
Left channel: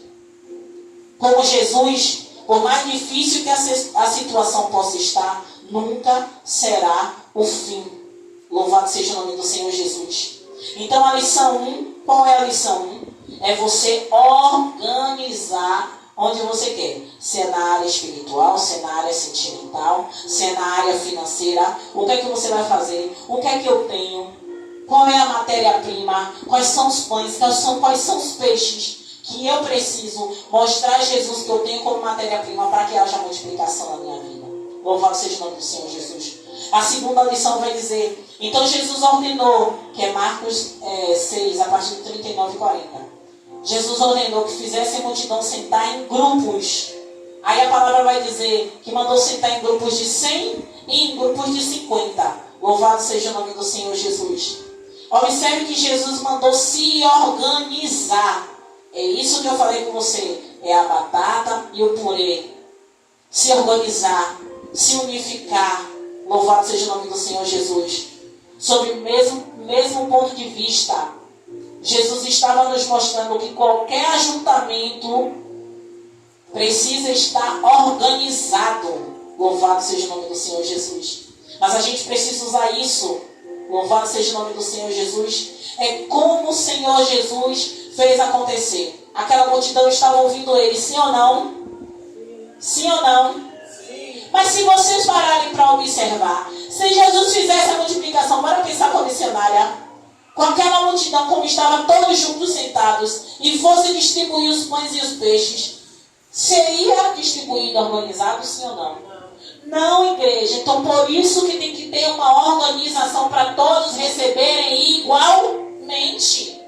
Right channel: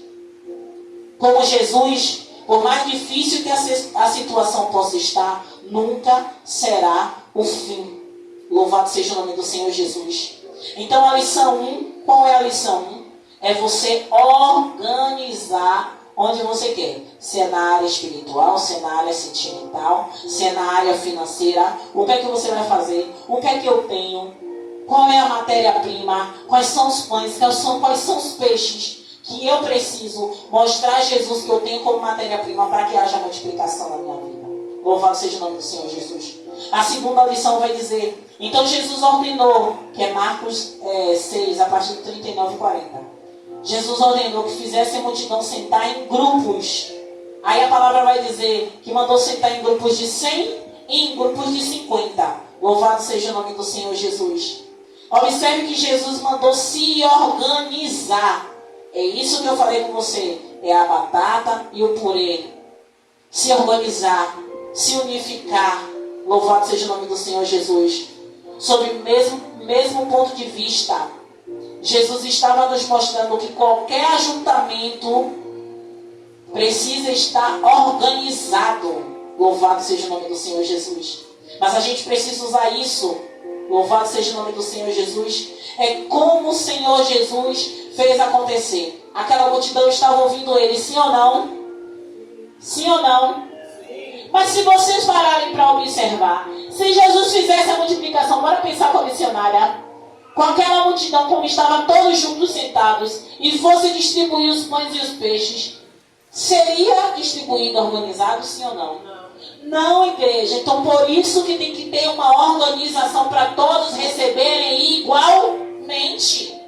Como Jesus, por mais difícil que a situação possa estar, nunca será o fim. Louvado seja o nome do Senhor Jesus. Então a lição 1, qual é a lição 1? É você organizar onde você quer. Se é na área espiritual, se é na área sentimental, se é na área financeira. O que é que você vai fazer? O que é que eu tenho? Qual é a matéria-prima? Quais são os pães? Quais são os peixes que eu preciso mostrar a Jesus que eu tenho como matéria-prima para que haja multiplicação na minha vida? Louvado seja o nome do Senhor Jesus. A segunda lição vai dizer, então Jesus ordenou, que é Marcos 6, a partir de 39 e 40. Jesus ordenou que fizesse a multidão sentar em grupos. Aí a palavra vai dizer que mandou sentar em grupos de 100 e em grupos de 50. Louvado seja o nome do Senhor Jesus. Observe que Jesus mandou se organizar. É isso que eu falei com você. É a batata e o purê. Se organizar, se unificar. Louvado seja o nome do Senhor Jesus. Sob o mesmo ponto de vista, Jesus estava nos mostrando que qualquer ajuntamento precisa estar organizado. Louvado seja o nome do Senhor Jesus. Mas a gente precisa usar isso. Louvado seja o nome do Senhor Jesus. É como o Senhor Jesus fez acontecer. Aquela multidão estava ouvindo ele, sim ou não? Sim ou não? Mas se vocês pararem para observar, se Jesus fizesse a multiplicação, bora pensar com a missionária, com aquela multidão como estavam todos juntos sentados, e fosse distribuir os pães e os peixes, seria distribuído organizado, sim ou não? Não, igreja. Então por isso que tem que ter uma organização para todos receberem igualmente.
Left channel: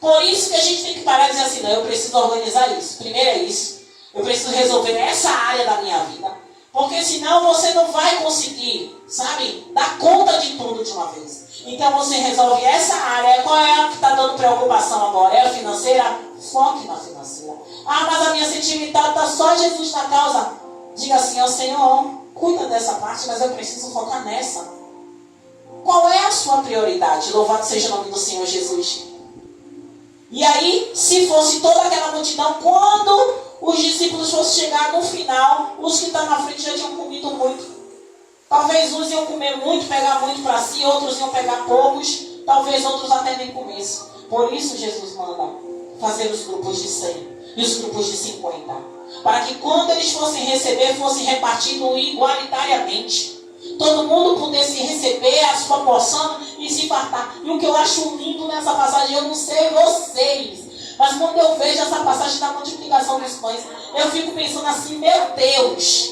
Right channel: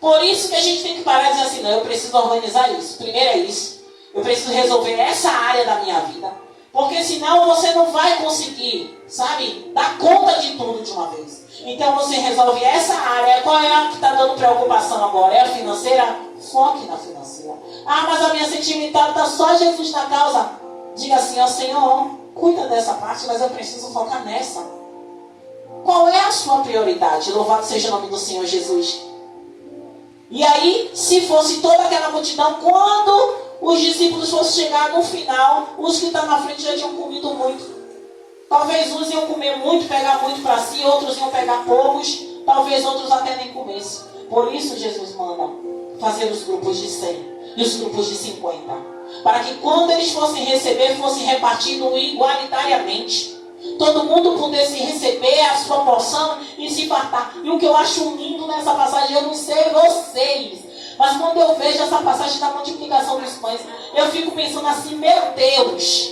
Por isso que a gente tem que parar e dizer assim, não, eu preciso organizar isso. Primeiro é isso. Eu preciso resolver essa área da minha vida. Porque senão você não vai conseguir, sabe, dar conta de tudo de uma vez. Então você resolve essa área. Qual é a que está dando preocupação agora? É a financeira? Foque na financeira. Ah, mas a minha sentimental está só Jesus na causa. Diga assim, ó Senhor, cuida dessa parte, mas eu preciso focar nessa. Qual é a sua prioridade? Louvado seja o nome do Senhor Jesus. E aí, se fosse toda aquela multidão, quando os discípulos fossem chegar no final, os que estão na frente já tinham comido muito. Talvez uns iam comer muito, pegar muito para si, outros iam pegar poucos, talvez outros até nem comessem. Por isso Jesus manda fazer os grupos de 100 e os grupos de 50. Para que quando eles fossem receber, fossem repartidos igualitariamente. Todo mundo pudesse receber a sua porção e se fartar. E o que eu acho lindo nessa passagem, eu não sei vocês, mas quando eu vejo essa passagem da multiplicação dos pães, eu fico pensando assim, meu Deus,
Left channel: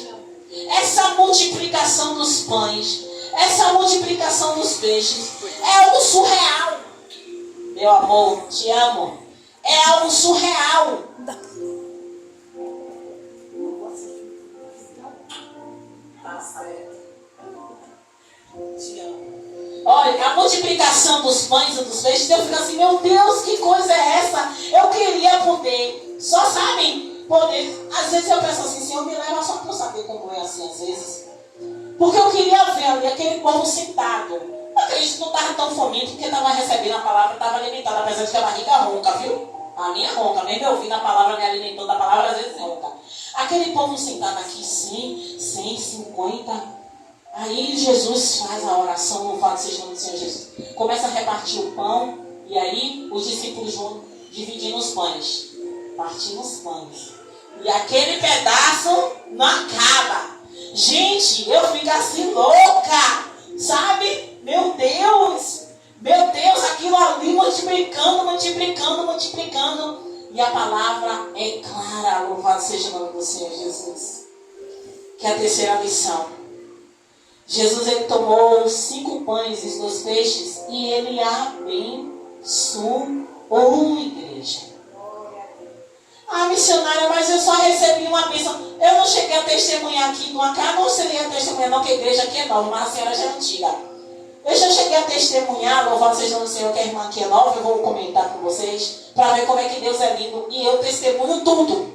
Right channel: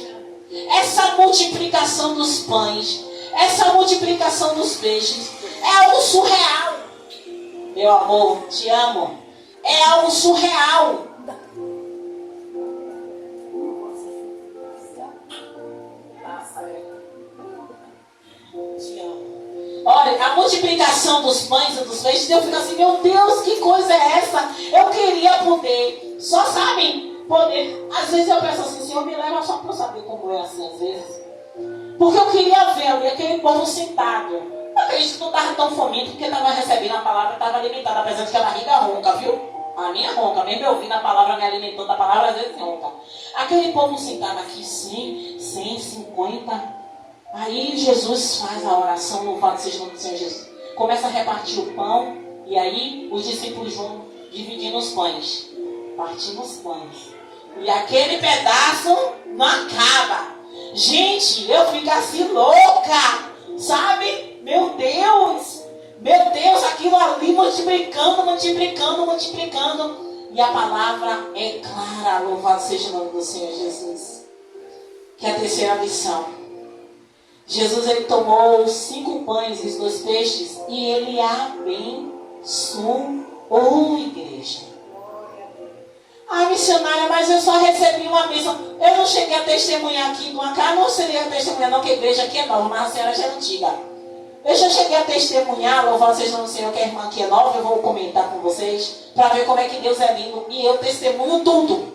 essa multiplicação dos pães, essa multiplicação dos peixes, é algo surreal. Meu amor, te amo. É algo surreal. Olha, a multiplicação dos pães e dos peixes, eu fico assim, meu Deus, que coisa é essa? Eu queria poder, só sabem, poder. Às vezes eu penso assim, Senhor, me leva só para eu saber como é assim, às vezes. Porque eu queria ver ali aquele povo sentado. Eu acredito que não estava tão faminto, porque estava recebendo a palavra, estava alimentado, apesar de que a barriga ronca, viu? A minha ronca, mesmo eu ouvindo a palavra, me alimentando da palavra, às vezes ronca. Aquele povo sentado aqui, 150. Aí Jesus faz a oração, louvado seja o nome do Senhor Jesus. Começa a repartir o pão, e aí os discípulos vão dividindo os pães. Partindo os pães. E aquele pedaço não acaba. Gente, eu fico assim louca, sabe? Meu Deus, aquilo ali multiplicando. E a palavra é clara, louvado seja o nome do Senhor Jesus. Que é a terceira lição. Jesus, ele tomou 5 pães e 2 peixes e ele abençoou, igreja. Ah, missionária, mas eu só recebi uma bênção. Eu não cheguei a testemunhar aqui de uma casa, não seria testemunhar não, que a igreja aqui é nova, mas a senhora já é antiga. Eu já cheguei a testemunhar, louvado seja o Senhor, que a irmã aqui é nova, eu vou comentar com vocês, para ver como é que Deus é lindo, e eu testemunho tudo.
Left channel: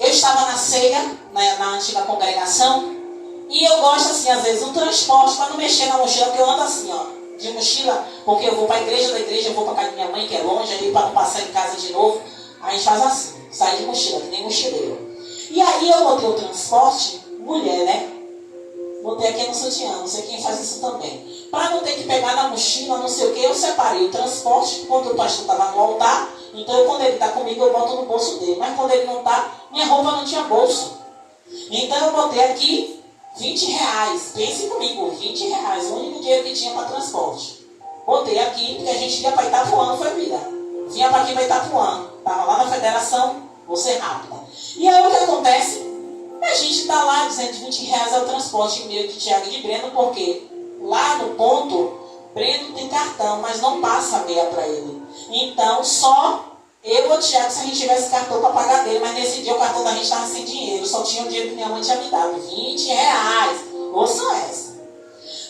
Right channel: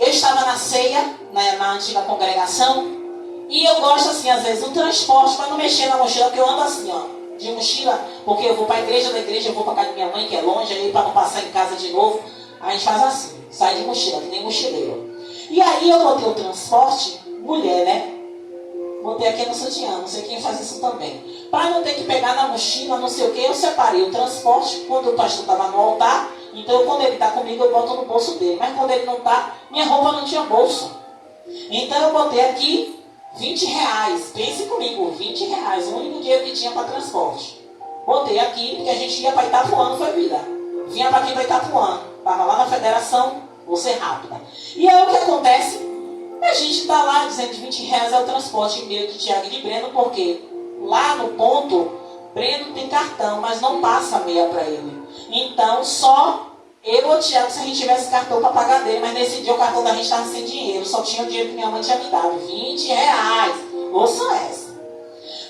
Eu estava na ceia, né, na antiga congregação, e eu gosto assim, às vezes, do transporte, para não mexer na mochila, porque eu ando assim, ó, de mochila, porque eu vou para a igreja, da igreja eu vou para casa da minha mãe, que é longe, aí para não passar em casa de novo, a gente faz assim, sai de mochila, que nem mochileiro. E aí eu botei o transporte, mulher, né? Botei aqui no sutiã, não sei quem faz isso também. Para não ter que pegar na mochila, não sei o que, eu separei o transporte, quando o pastor estava no altar, então quando ele está comigo eu boto no bolso dele. Mas quando ele não está, minha roupa não tinha bolso. Então eu botei aqui R$20. Pense comigo, R$20, o único dinheiro que tinha para transporte. Botei aqui, porque a gente ia para Itapuã, não foi vida. Vinha para aqui para Itapuã. Estava lá na federação, vou ser rápida. E aí o que acontece? A gente está lá dizendo que R$20 é o transporte meio de Tiago e de Breno, porque lá no ponto, Breno tem cartão, mas não passa meia para ele. Então, só eu ou o Tiago, se a gente tivesse cartão para pagar dele, mas nesse dia o cartão da gente estava sem dinheiro, só tinha o dinheiro que minha mãe tinha me dado, R$20. Ouça essa.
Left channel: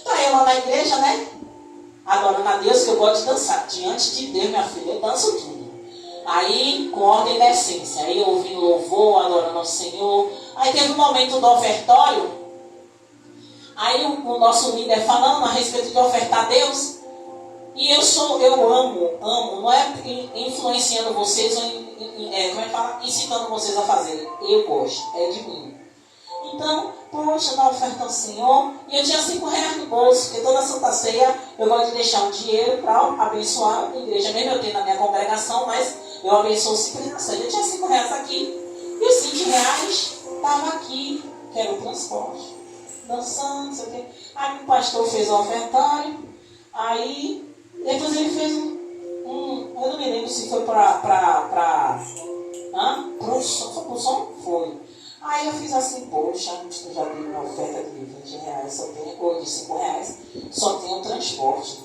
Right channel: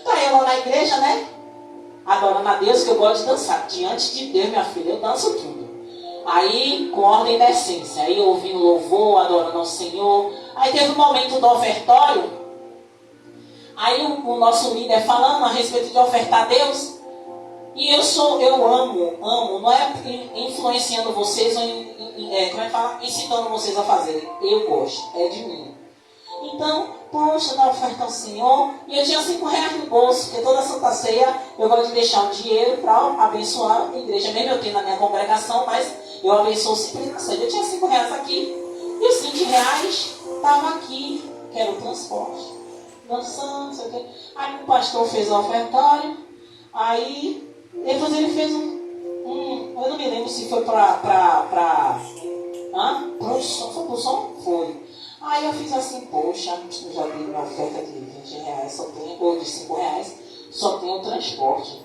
Tá eu lá na igreja, né? Adorando a Deus, que eu gosto de dançar. Diante de Deus, minha filha, eu danço tudo. Aí, com ordem da essência. Aí, ouvindo louvor, adorando ao Senhor. Aí, teve um momento do ofertório. Aí, o nosso líder falando a respeito de ofertar a Deus. E eu amo, não é influenciando vocês, ou como é que fala? Incitando vocês a fazerem. Eu gosto, é de mim. Então, poxa, dá oferta ao Senhor. E eu tinha R$5 no bolso, porque toda Santa Ceia eu gosto de deixar um dinheiro para abençoar a igreja. Mesmo eu tenho na minha congregação, mas eu abençoo sempre na ceia. Eu tinha R$5 aqui, e os R$20 estavam aqui, que era o transporte. Dançando, não sei o quê. Aí o pastor fez o ofertório, aí depois ele fez eu não me lembro se foi para o som? Foi. Aí eu fiz assim, poxa, eu já vi uma oferta de R$20, só tem, ou de R$5, só tem o transporte.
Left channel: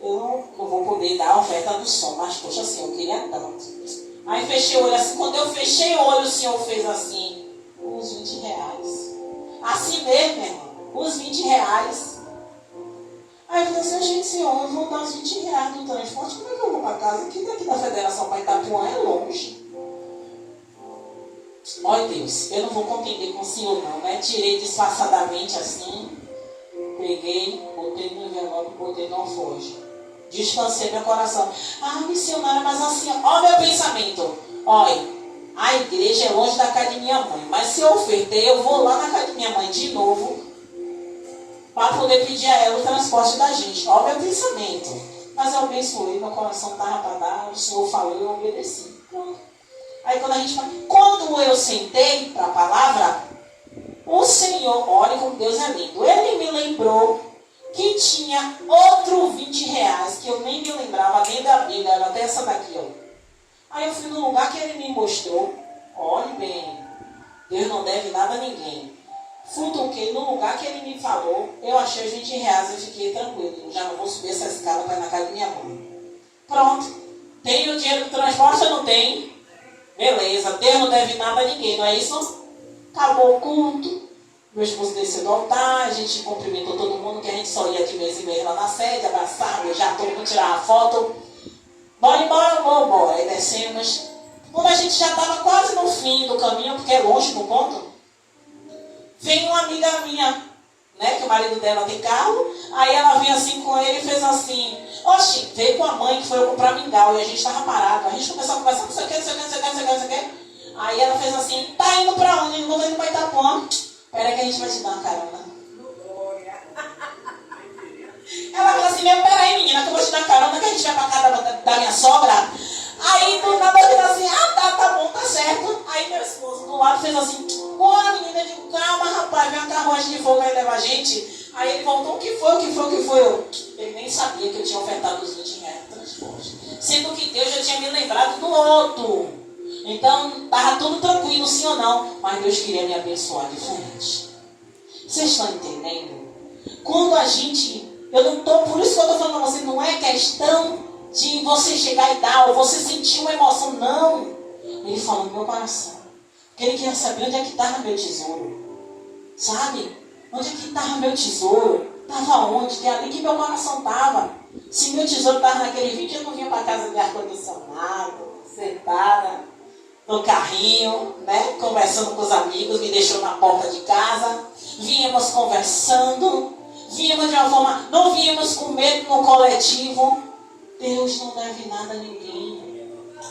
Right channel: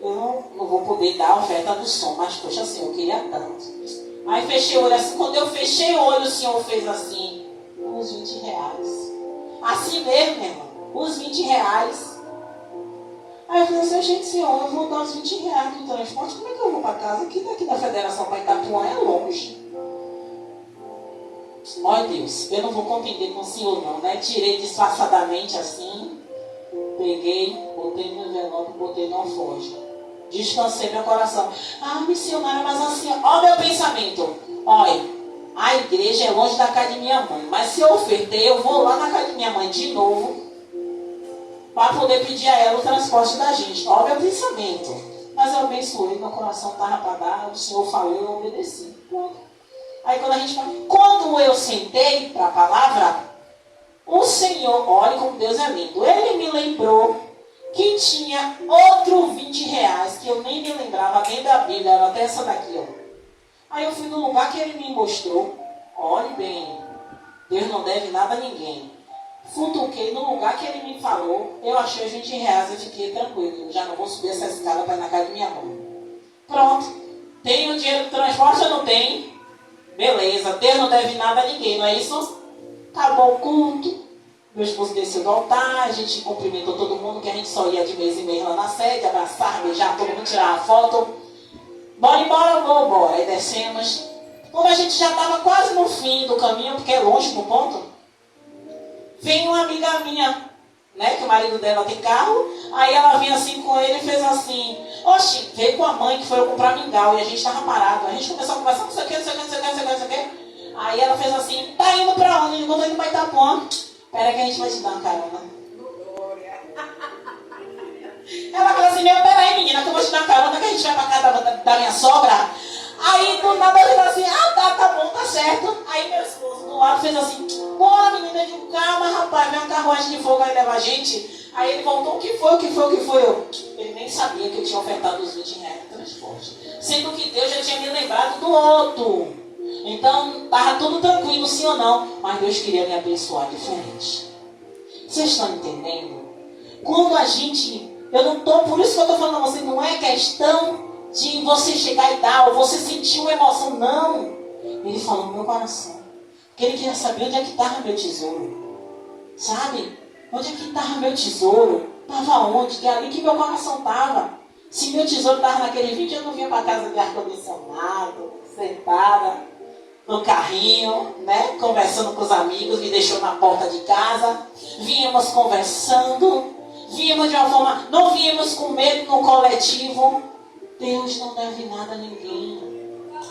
Eu não vou poder dar a oferta do som, mas poxa, assim, eu queria tanto. Aí fechei o olho assim, quando eu fechei o olho, o Senhor fez assim, os R$20. Assim mesmo, meu irmão, os R$20. Aí eu falei assim, gente, Senhor, eu vou dar os R$20 do transporte, como é que eu vou para casa? Aqui daqui da federação para Itapuã é longe. Olha Deus, eu não vou contender com o Senhor não, né? Tirei disfarçadamente assim, peguei, botei no envelope, botei no alforje. Distanciei meu coração. Ah, missionária, mas assim, ó meu pensamento. Olha, a igreja é longe da casa de minha mãe, mas se eu ofertei, eu vou lá na casa de minha mãe de novo, para poder pedir a ela o transporte da gente. Olha meu pensamento. Mas eu abençoei, meu coração estava para dar, o Senhor falou, eu obedeci. Pronto. Aí quando eu sentei para a palavra, o Senhor, olha como Deus é lindo, Ele me lembrou que tinha outro R$20 que eu nem me lembrava, dentro da Bíblia, era até essa daqui, ó. Aí eu fui no lugar que Ele me mostrou, olhe bem, Deus não deve nada a ninguém. Futuquei no lugar que Ele me falou, eu achei os R$20, eu fiquei tranquilo, já não vou subir essa escada para ir na casa de minha mãe. Pronto, tenho o dinheiro do transporte ou não tenho? Beleza, Deus não deve nada a ninguém, não é isso? Acabou o culto, meu esposo desceu do altar, a gente cumprimentou todo mundo, que a gente só ia de mês em mês lá na sede, abraçar, beijar, todo mundo tirar uma foto. Bora embora, vou embora. Aí descemos. Quando a gente já estava quase no fim do caminho, porque é longe do ponto, vem uma amiga minha, né, que o marido dela tem carro, aí ela vinha assim com ele e fez assim, oxi, veio com a mãe que foi eu comprar mingau, e a gente estava parado, a gente começou a conversar, não sei o que, não sei o que, não sei o que, não sei o que, não sei o que. Aí ela fez assim, tá indo pra onde? Eu não tô indo pra Itapuã. Pera que a gente vai te dar uma carona. Ela fez assim, pera aí menina, que eu vou te dar uma carona, que a gente vai pra casa da minha sogra. Aí do nada eu fiz assim, tá bom, tá certo. Aí meu esposo do lado fez assim, bora menina, eu digo, calma rapaz, vem uma carruagem de fogo aí leva a gente. Aí ele voltou, o que foi? Ele nem sabia que eu tinha ofertado os R$20 no transporte. Sendo que Deus já tinha me lembrado do outro. Então, estava tudo tranquilo, sim ou não. Mas Deus queria me abençoar diferente. Vocês estão entendendo? Quando a gente... por isso que eu estou falando a você, não é questão de você chegar e dar, ou você sentir uma emoção, não. Ele falou no meu coração. Porque ele queria saber onde é que estava meu tesouro. Sabe? Onde é que estava meu tesouro? Estava onde? Que é ali que meu coração estava. Se meu tesouro estava naquele vídeo, eu não vinha para casa de ar-condicionado, sentada no carrinho, né? Conversando com os amigos, me deixou na porta de casa. Vínhamos conversando, vínhamos de uma forma, não vínhamos com medo no coletivo. Deus não deve nada a ninguém.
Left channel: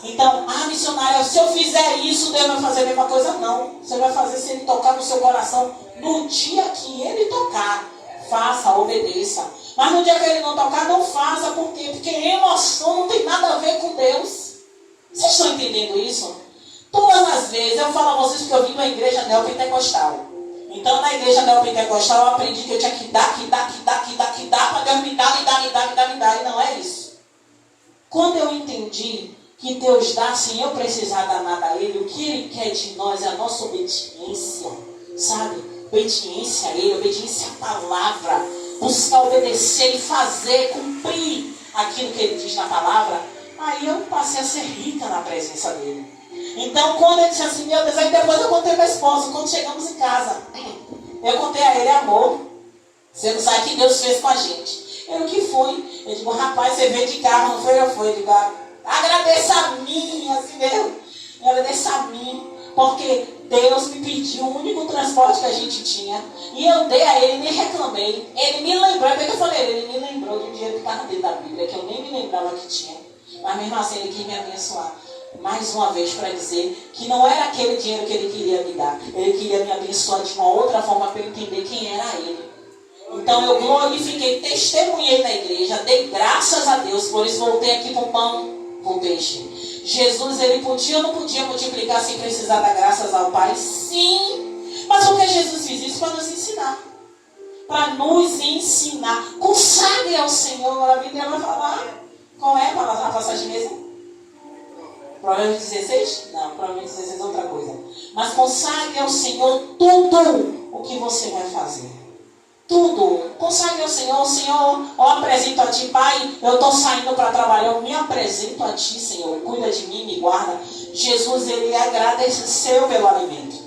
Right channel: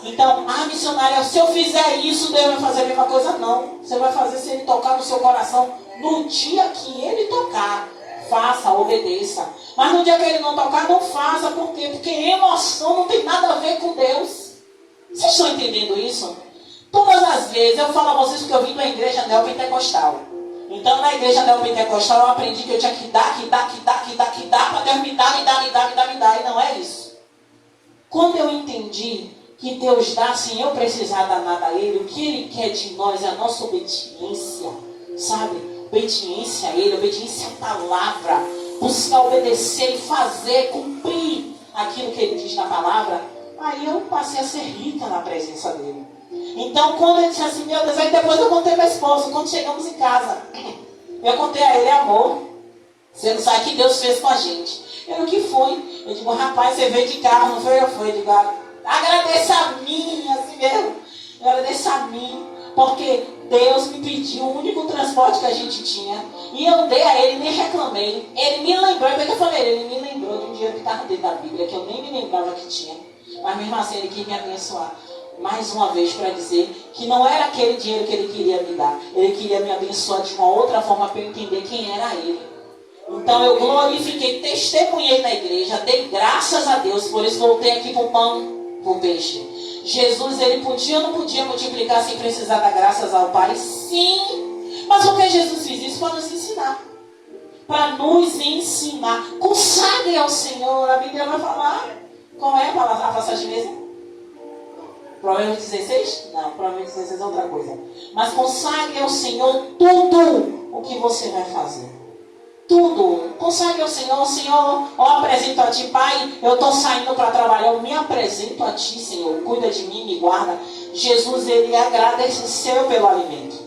Então, missionária, se eu fizer isso, Deus vai fazer a mesma coisa? Não. Você vai fazer se Ele tocar no seu coração no dia que Ele tocar. Faça, obedeça. Mas no dia que Ele não tocar, não faça. Por quê? Porque emoção não tem nada a ver com Deus. Vocês estão entendendo isso? Todas as vezes, eu falo a vocês porque eu vim para a igreja neopentecostal. Então, na igreja neopentecostal, eu aprendi que eu tinha que dar, para Deus me dar. E não é isso. Quando eu entendi que Deus dá sem eu precisar dar nada a Ele, o que Ele quer de nós é a nossa obediência, sabe? Obediência a Ele, obediência à palavra, buscar obedecer e fazer, cumprir aquilo que Ele diz na palavra. Aí eu passei a ser rica na presença dEle. Então, quando Ele disse assim, meu Deus, aí depois eu contei para meu esposo, quando chegamos em casa, eu contei a ele, amor, você não sabe o que Deus fez com a gente. Eu, o que foi? Eu digo, rapaz, você veio de carro, não foi? Eu fui, eu digo, agradeça a mim, assim mesmo. Agradeça a mim, porque Deus me pediu o único transporte que a gente tinha. E eu dei a Ele, nem reclamei. Ele me lembrou, é que eu falei, Ele me lembrou de um dinheiro que estava dentro da Bíblia, que eu nem me lembrava que tinha. Mas mesmo assim, Ele quis me abençoar. Mais uma vez para dizer que não era aquele dinheiro que Ele queria me dar. Ele queria me abençoar de uma outra forma para eu entender quem era Ele. Então eu glorifiquei, testemunhei na igreja, dei graças a Deus, por isso voltei aqui para o pão, para o peixe. Jesus, Ele podia ou não podia multiplicar sem precisar dar graças ao Pai? Sim. Mas por que Jesus fez isso? Para nos ensinar. Para nos ensinar. Consagre ao Senhor. A Bíblia vai falar. Qual é a passagem mesmo? Provérbios 16? Não, Provérbios 16 é outra coisa. Mas consagre ao Senhor tudo o que você vai fazer. Tudo. Consagre ao Senhor. Senhor, eu apresento a Ti, Pai. Eu estou saindo para trabalhar. Eu me apresento a Ti, Senhor. Cuida de mim, me guarda. Jesus, Ele agradeceu pelo alimento.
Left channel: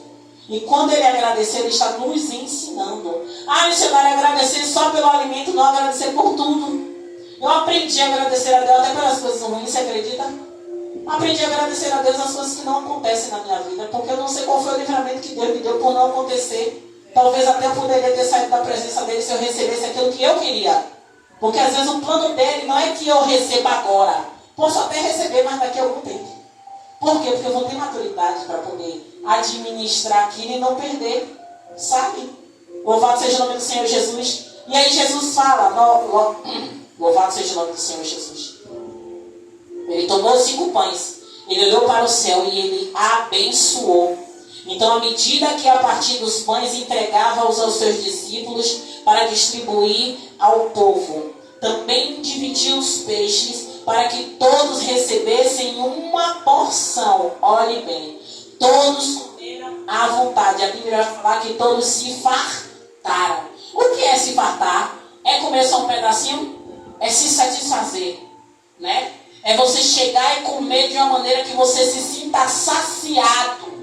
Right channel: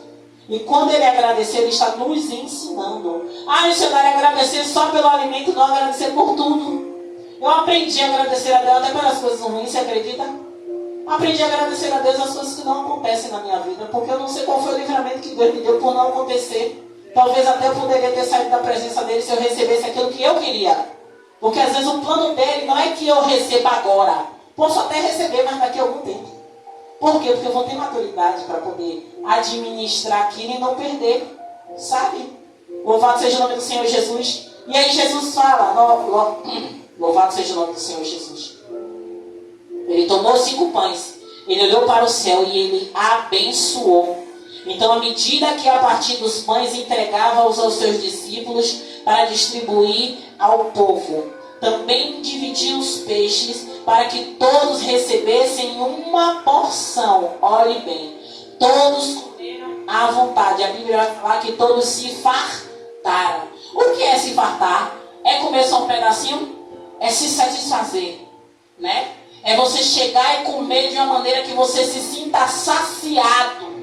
E quando Ele agradeceu, Ele está nos ensinando. Missionário, agradecer só pelo alimento, não agradecer por tudo. Eu aprendi a agradecer a Deus até pelas coisas ruins, você acredita? Aprendi a agradecer a Deus as coisas que não acontecem na minha vida. Porque eu não sei qual foi o livramento que Deus me deu por não acontecer. Talvez até eu poderia ter saído da presença dele se eu recebesse aquilo que eu queria. Porque às vezes o plano dele não é que eu receba agora. Posso até receber, mas daqui a algum tempo. Por quê? Porque eu vou ter maturidade para poder administrar aquilo e não perder. Sabe? Louvado seja o nome do Senhor Jesus. E aí Jesus fala, louvado seja o nome do Senhor Jesus. Ele tomou 5 pães. Ele olhou para o céu e ele abençoou. Então, à medida que a partir dos pães entregava-os aos seus discípulos para distribuir ao povo, também dividia os peixes para que todos recebessem uma porção. Olhe bem, todos comeram à vontade. A Bíblia vai falar que todos se fartaram. O que é se fartar? É comer só um pedacinho? É se satisfazer, né? É você chegar e comer de uma maneira que você se sinta saciado.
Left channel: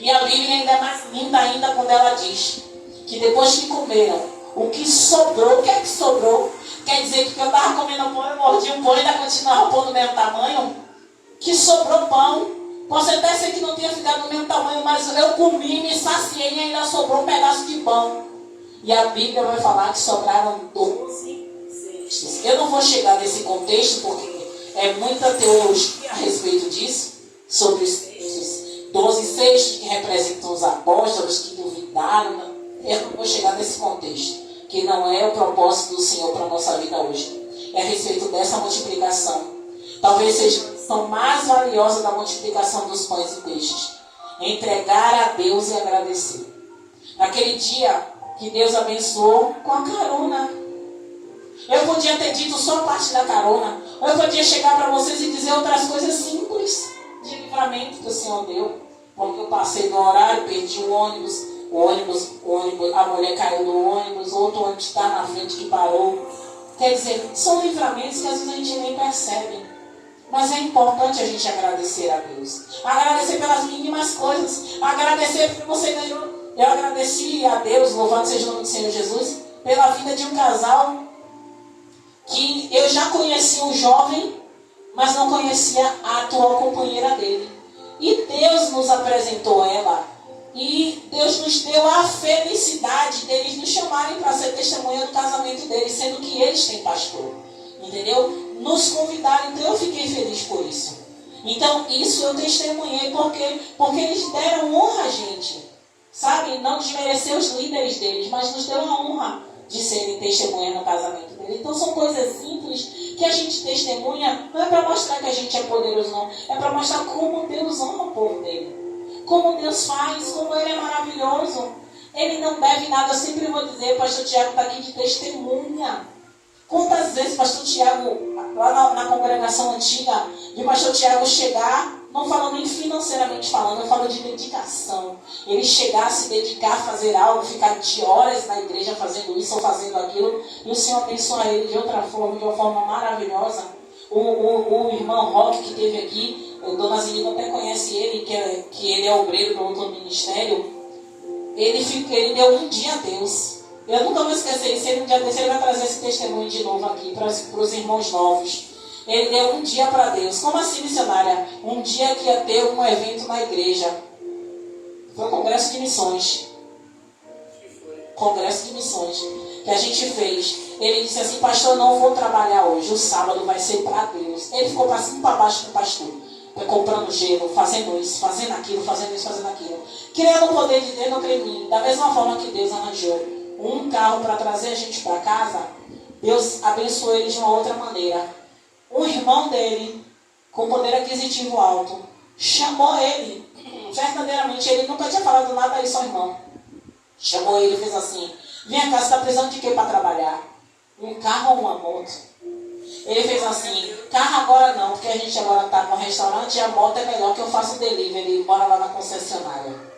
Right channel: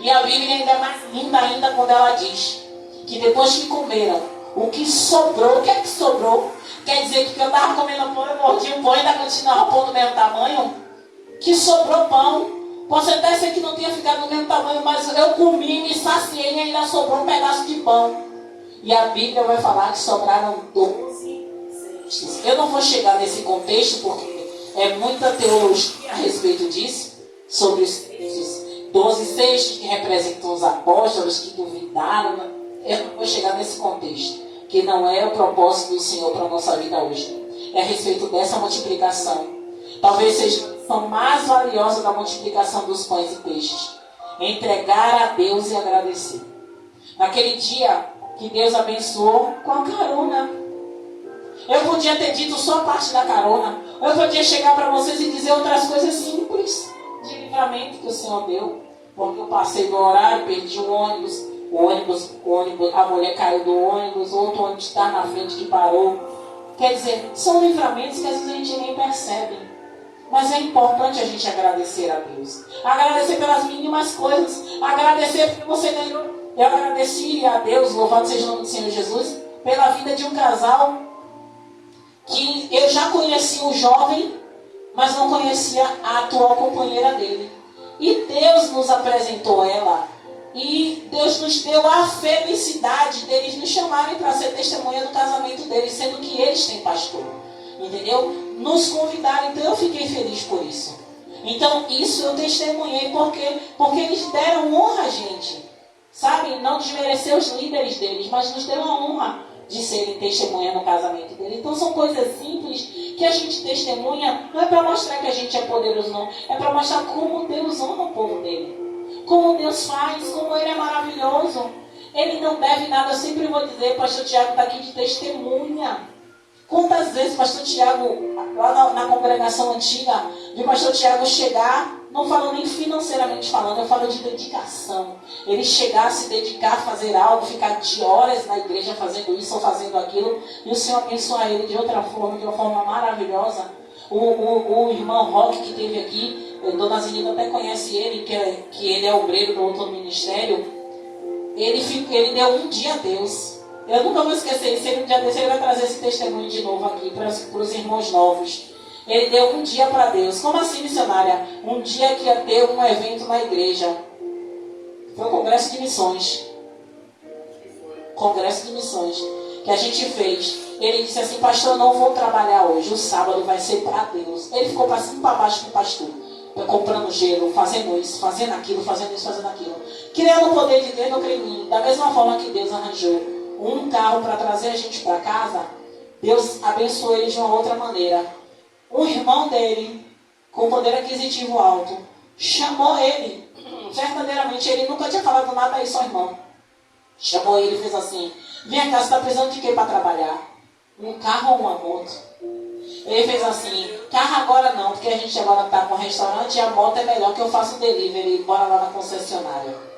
E a Bíblia ainda é mais linda ainda quando ela diz que depois que comeram, o que sobrou, o que é que sobrou? Quer dizer que eu estava comendo pão, eu mordi um pão e ainda continuava pão do mesmo tamanho? Que sobrou pão. Pode até ser que não tenha ficado do mesmo tamanho, mas eu comi, me saciei e ainda sobrou um pedaço de pão. E a Bíblia vai falar que sobraram 12 cestos. Eu não vou chegar nesse contexto porque é muita teologia a respeito disso, sobre os cestos. 12 cestos que representam os apóstolos que duvidaram. Eu não vou chegar nesse contexto, que não é o propósito do Senhor para a nossa vida hoje. É a respeito dessa multiplicação. Talvez seja a lição mais valiosa da multiplicação dos pães e peixes. Entregar a Deus e agradecer. Naquele dia que Deus abençoou com a carona. Eu podia ter dito só parte da carona. Ou eu podia chegar para vocês e dizer outras coisas simples de livramento que o Senhor deu. Porque eu passei no horário, perdi o ônibus, a mulher caiu do ônibus, outro ônibus está na frente que parou. Quer dizer, são livramentos que às vezes a gente nem percebe. Mas é importante a gente agradecer a Deus. Agradecer pelas mínimas coisas. Agradecer porque você ganhou Eu agradeci a Deus, louvado seja o nome do Senhor Jesus, pela vida de um casal que eu já conhecia o jovem, mas não conhecia a atual companheira dele. E Deus nos apresentou ela. E Deus nos deu a felicidade deles nos chamarem para ser testemunha do casamento deles, sendo que eles têm pastor. Entendeu? Nos convidaram, então eu fiquei feliz por isso. Então isso eu testemunhei porque eles deram honra a gente. Sabe? Não desmerecer os líderes deles, mas nos deu a honra de serem testemunha no casamento deles. Então são coisas simples que a gente testemunha, não é para mostrar que a gente é poderoso, não. É para mostrar como Deus ama o povo dele. Como Deus faz, como Ele é maravilhoso. Ele não deve nada. Eu sempre vou dizer, pastor Tiago está aqui de testemunha. Quantas vezes pastor Tiago, lá na congregação antiga, de pastor Tiago chegar, não falo nem financeiramente falando, eu falo de dedicação. Ele chegar, se dedicar a fazer algo, ficar de horas na igreja fazendo isso ou fazendo aquilo, e o Senhor abençoar ele de outra forma, de uma forma maravilhosa. O irmão Roque que esteve aqui, Dona Zinita até conhece ele, que ele é obreiro do outro ministério. Ele deu um dia a Deus. Eu nunca vou esquecer isso. Um dia desse ele vai trazer esse testemunho de novo aqui para os irmãos novos. Ele deu um dia para Deus. Como assim, missionária? Um dia que ia ter um evento na igreja. Foi um congresso de missões. Congresso de missões que a gente fez. Ele disse assim: pastor, eu não vou trabalhar hoje. O sábado vai ser para Deus. Ele ficou para cima e para baixo com o pastor, comprando gelo, fazendo isso, fazendo aquilo, fazendo isso, fazendo aquilo. Criando o poder de Deus no crime. Da mesma forma que Deus arranjou um carro para trazer a gente para casa, Deus abençoou ele de uma outra maneira. Um irmão dele, com poder aquisitivo alto, chamou ele. Verdadeiramente, ele nunca tinha falado nada a isso ao irmão. Chamou ele e fez assim: vem cá, você está precisando de quê para trabalhar? Um carro ou uma moto? Ele fez assim: carro agora não, porque a gente agora está com um restaurante e a moto é melhor, que eu faço delivery, bora lá na concessionária.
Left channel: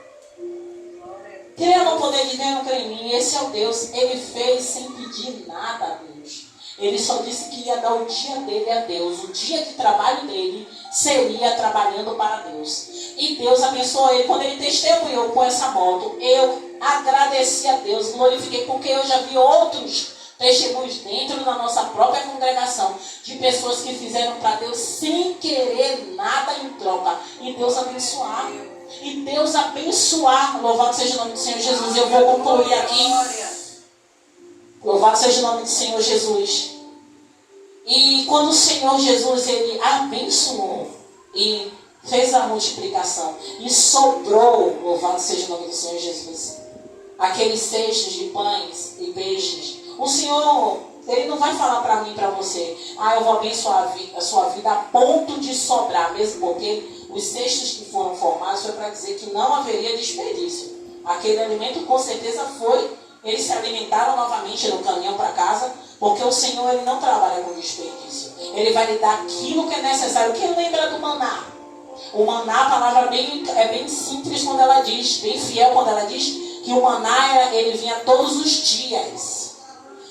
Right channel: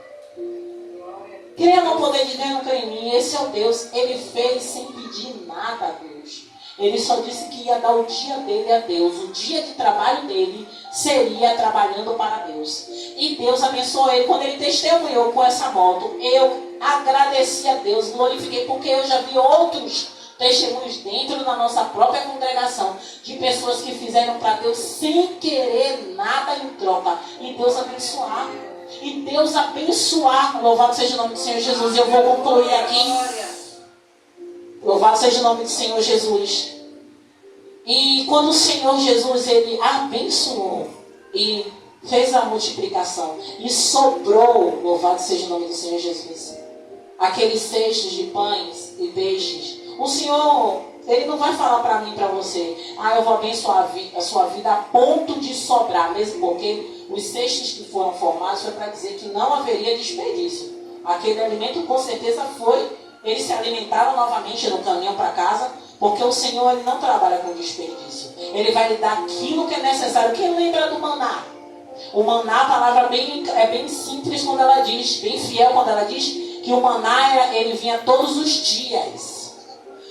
Creia no poder de Deus, não creia em mim. Esse é o Deus. Ele fez sem pedir nada a Deus. Ele só disse que ia dar o dia dele a Deus. O dia de trabalho dele seria trabalhando para Deus. E Deus abençoou ele. Quando ele testemunhou com essa moto, eu agradeci a Deus, glorifiquei, porque eu já vi outros testemunhos dentro da nossa própria congregação, de pessoas que fizeram para Deus sem querer nada em troca. E Deus abençoar. E Deus abençoar. Louvado seja o nome do Senhor Jesus. Eu vou concluir aqui. Louvado seja o nome do Senhor Jesus. E quando o Senhor Jesus, ele abençoou e fez a multiplicação e sobrou, louvado seja o nome do Senhor Jesus, aqueles cestos de pães e peixes, o Senhor, ele não vai falar para mim e para você: ah, eu vou abençoar a sua vida a ponto de sobrar, mesmo porque os cestos que foram formados foi para dizer que não haveria desperdício. Aquele alimento com certeza foi, eles se alimentaram novamente no caminhão para casa, porque o Senhor, ele não trabalha com desperdício. Ele vai lhe dar aquilo que é necessário. Quem lembra do maná? O maná, a palavra é bem simples quando ela diz, bem fiel quando ela diz que o maná ele vinha todos os dias.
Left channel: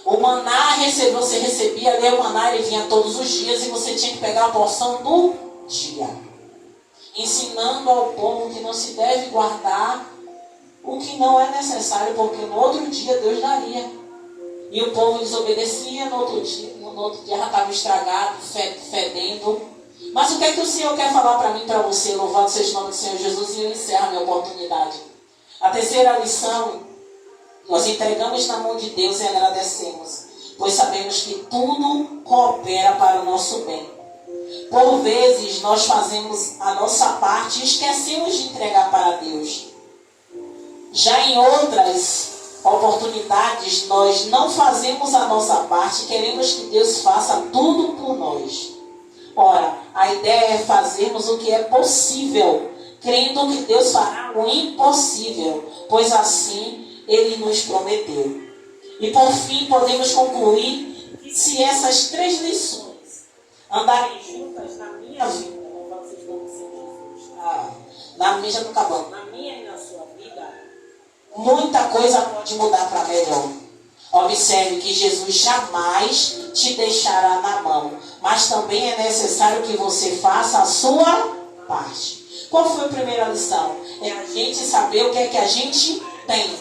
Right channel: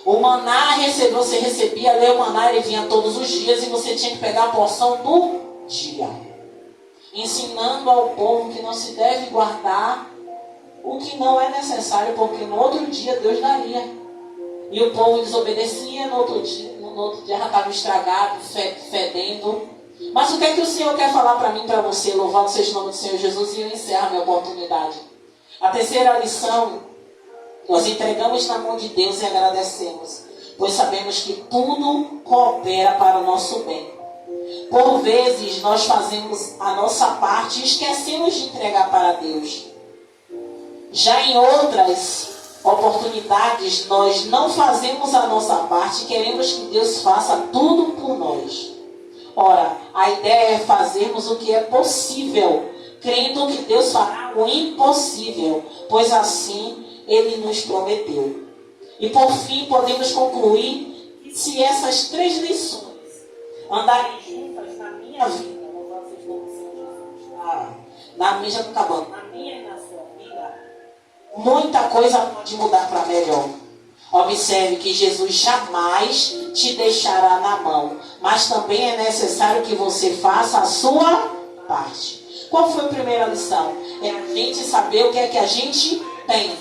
O maná, você recebia ali o maná, ele vinha todos os dias e você tinha que pegar a porção do dia. Ensinando ao povo que não se deve guardar o que não é necessário, porque no outro dia Deus daria. E o povo desobedecia, no outro dia já estava estragado, fedendo. Mas o que é que o Senhor quer falar para mim e para você? Louvado seja o nome do Senhor Jesus, e eu encerro a minha oportunidade. A terceira lição: nós entregamos na mão de Deus e agradecemos, pois sabemos que tudo coopera para o nosso bem. Por vezes nós fazemos a nossa parte e esquecemos de entregar para Deus. Já em outras oportunidades, nós não fazemos a nossa parte e queremos que Deus faça tudo por nós. Ora, a ideia é fazermos o que é possível, crendo que Deus fará o impossível, pois assim Ele nos prometeu. E por fim, podemos concluir que se essas 3 lições andarem juntas na minha vida, na minha já não acabando, na minha e na sua vida, muita coisa pode mudar para melhor. Observe que Jesus jamais te deixará na mão, mas também é necessário que você faça a sua parte. Qual foi a primeira lição? É a gente saber o que é que a gente tem.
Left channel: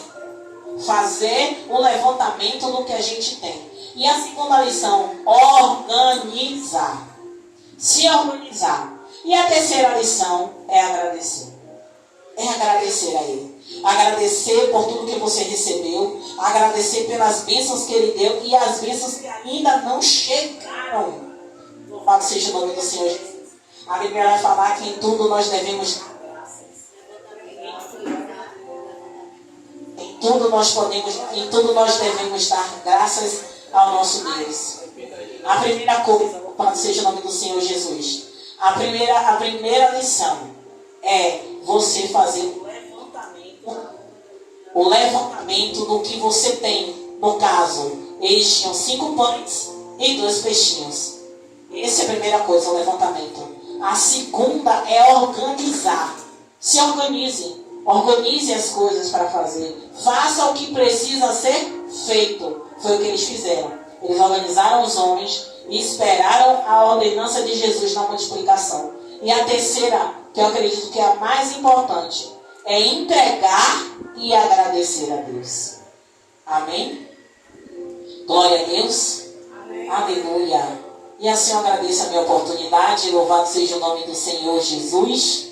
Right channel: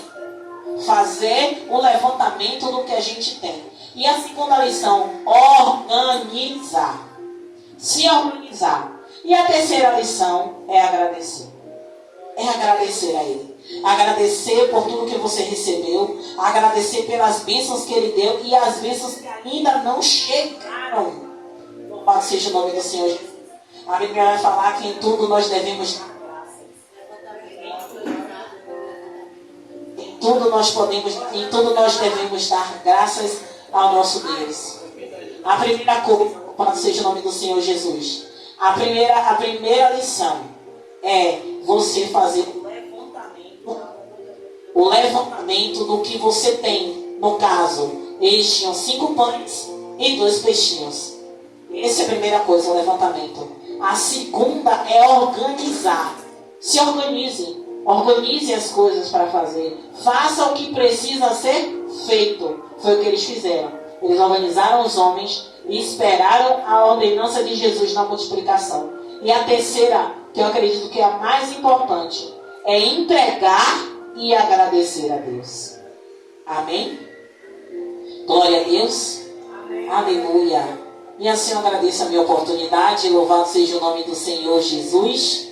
Fazer o levantamento do que a gente tem. E a segunda lição, organizar. Se organizar. E a terceira lição é agradecer. É agradecer a Ele. Agradecer por tudo que você recebeu. Agradecer pelas bênçãos que Ele deu e as bênçãos que ainda não chegaram. Louvado seja o nome do Senhor Jesus. A Bíblia vai falar que em tudo nós devemos dar graças. Em tudo nós devemos dar graças ao nosso Deus. A primeira coisa, louvado seja o nome do Senhor Jesus. A primeira lição é você fazer o levantamento do que você tem. No caso, eles tinham 5 pães e 2 peixinhos. Essa é a primeira coisa, o levantamento. A segunda é organizar. Se organize. Organize as coisas para fazer. Faça o que precisa ser feito. Foi o que eles fizeram. Eles organizaram os homens e esperaram a ordenança de Jesus na multiplicação. E a terceira, que eu acredito que é a mais importante, é entregar e agradecer a Deus. Amém? Glória a Deus. Amém. Aleluia. E assim eu agradeço a minha oportunidade. Louvado seja o nome do Senhor Jesus.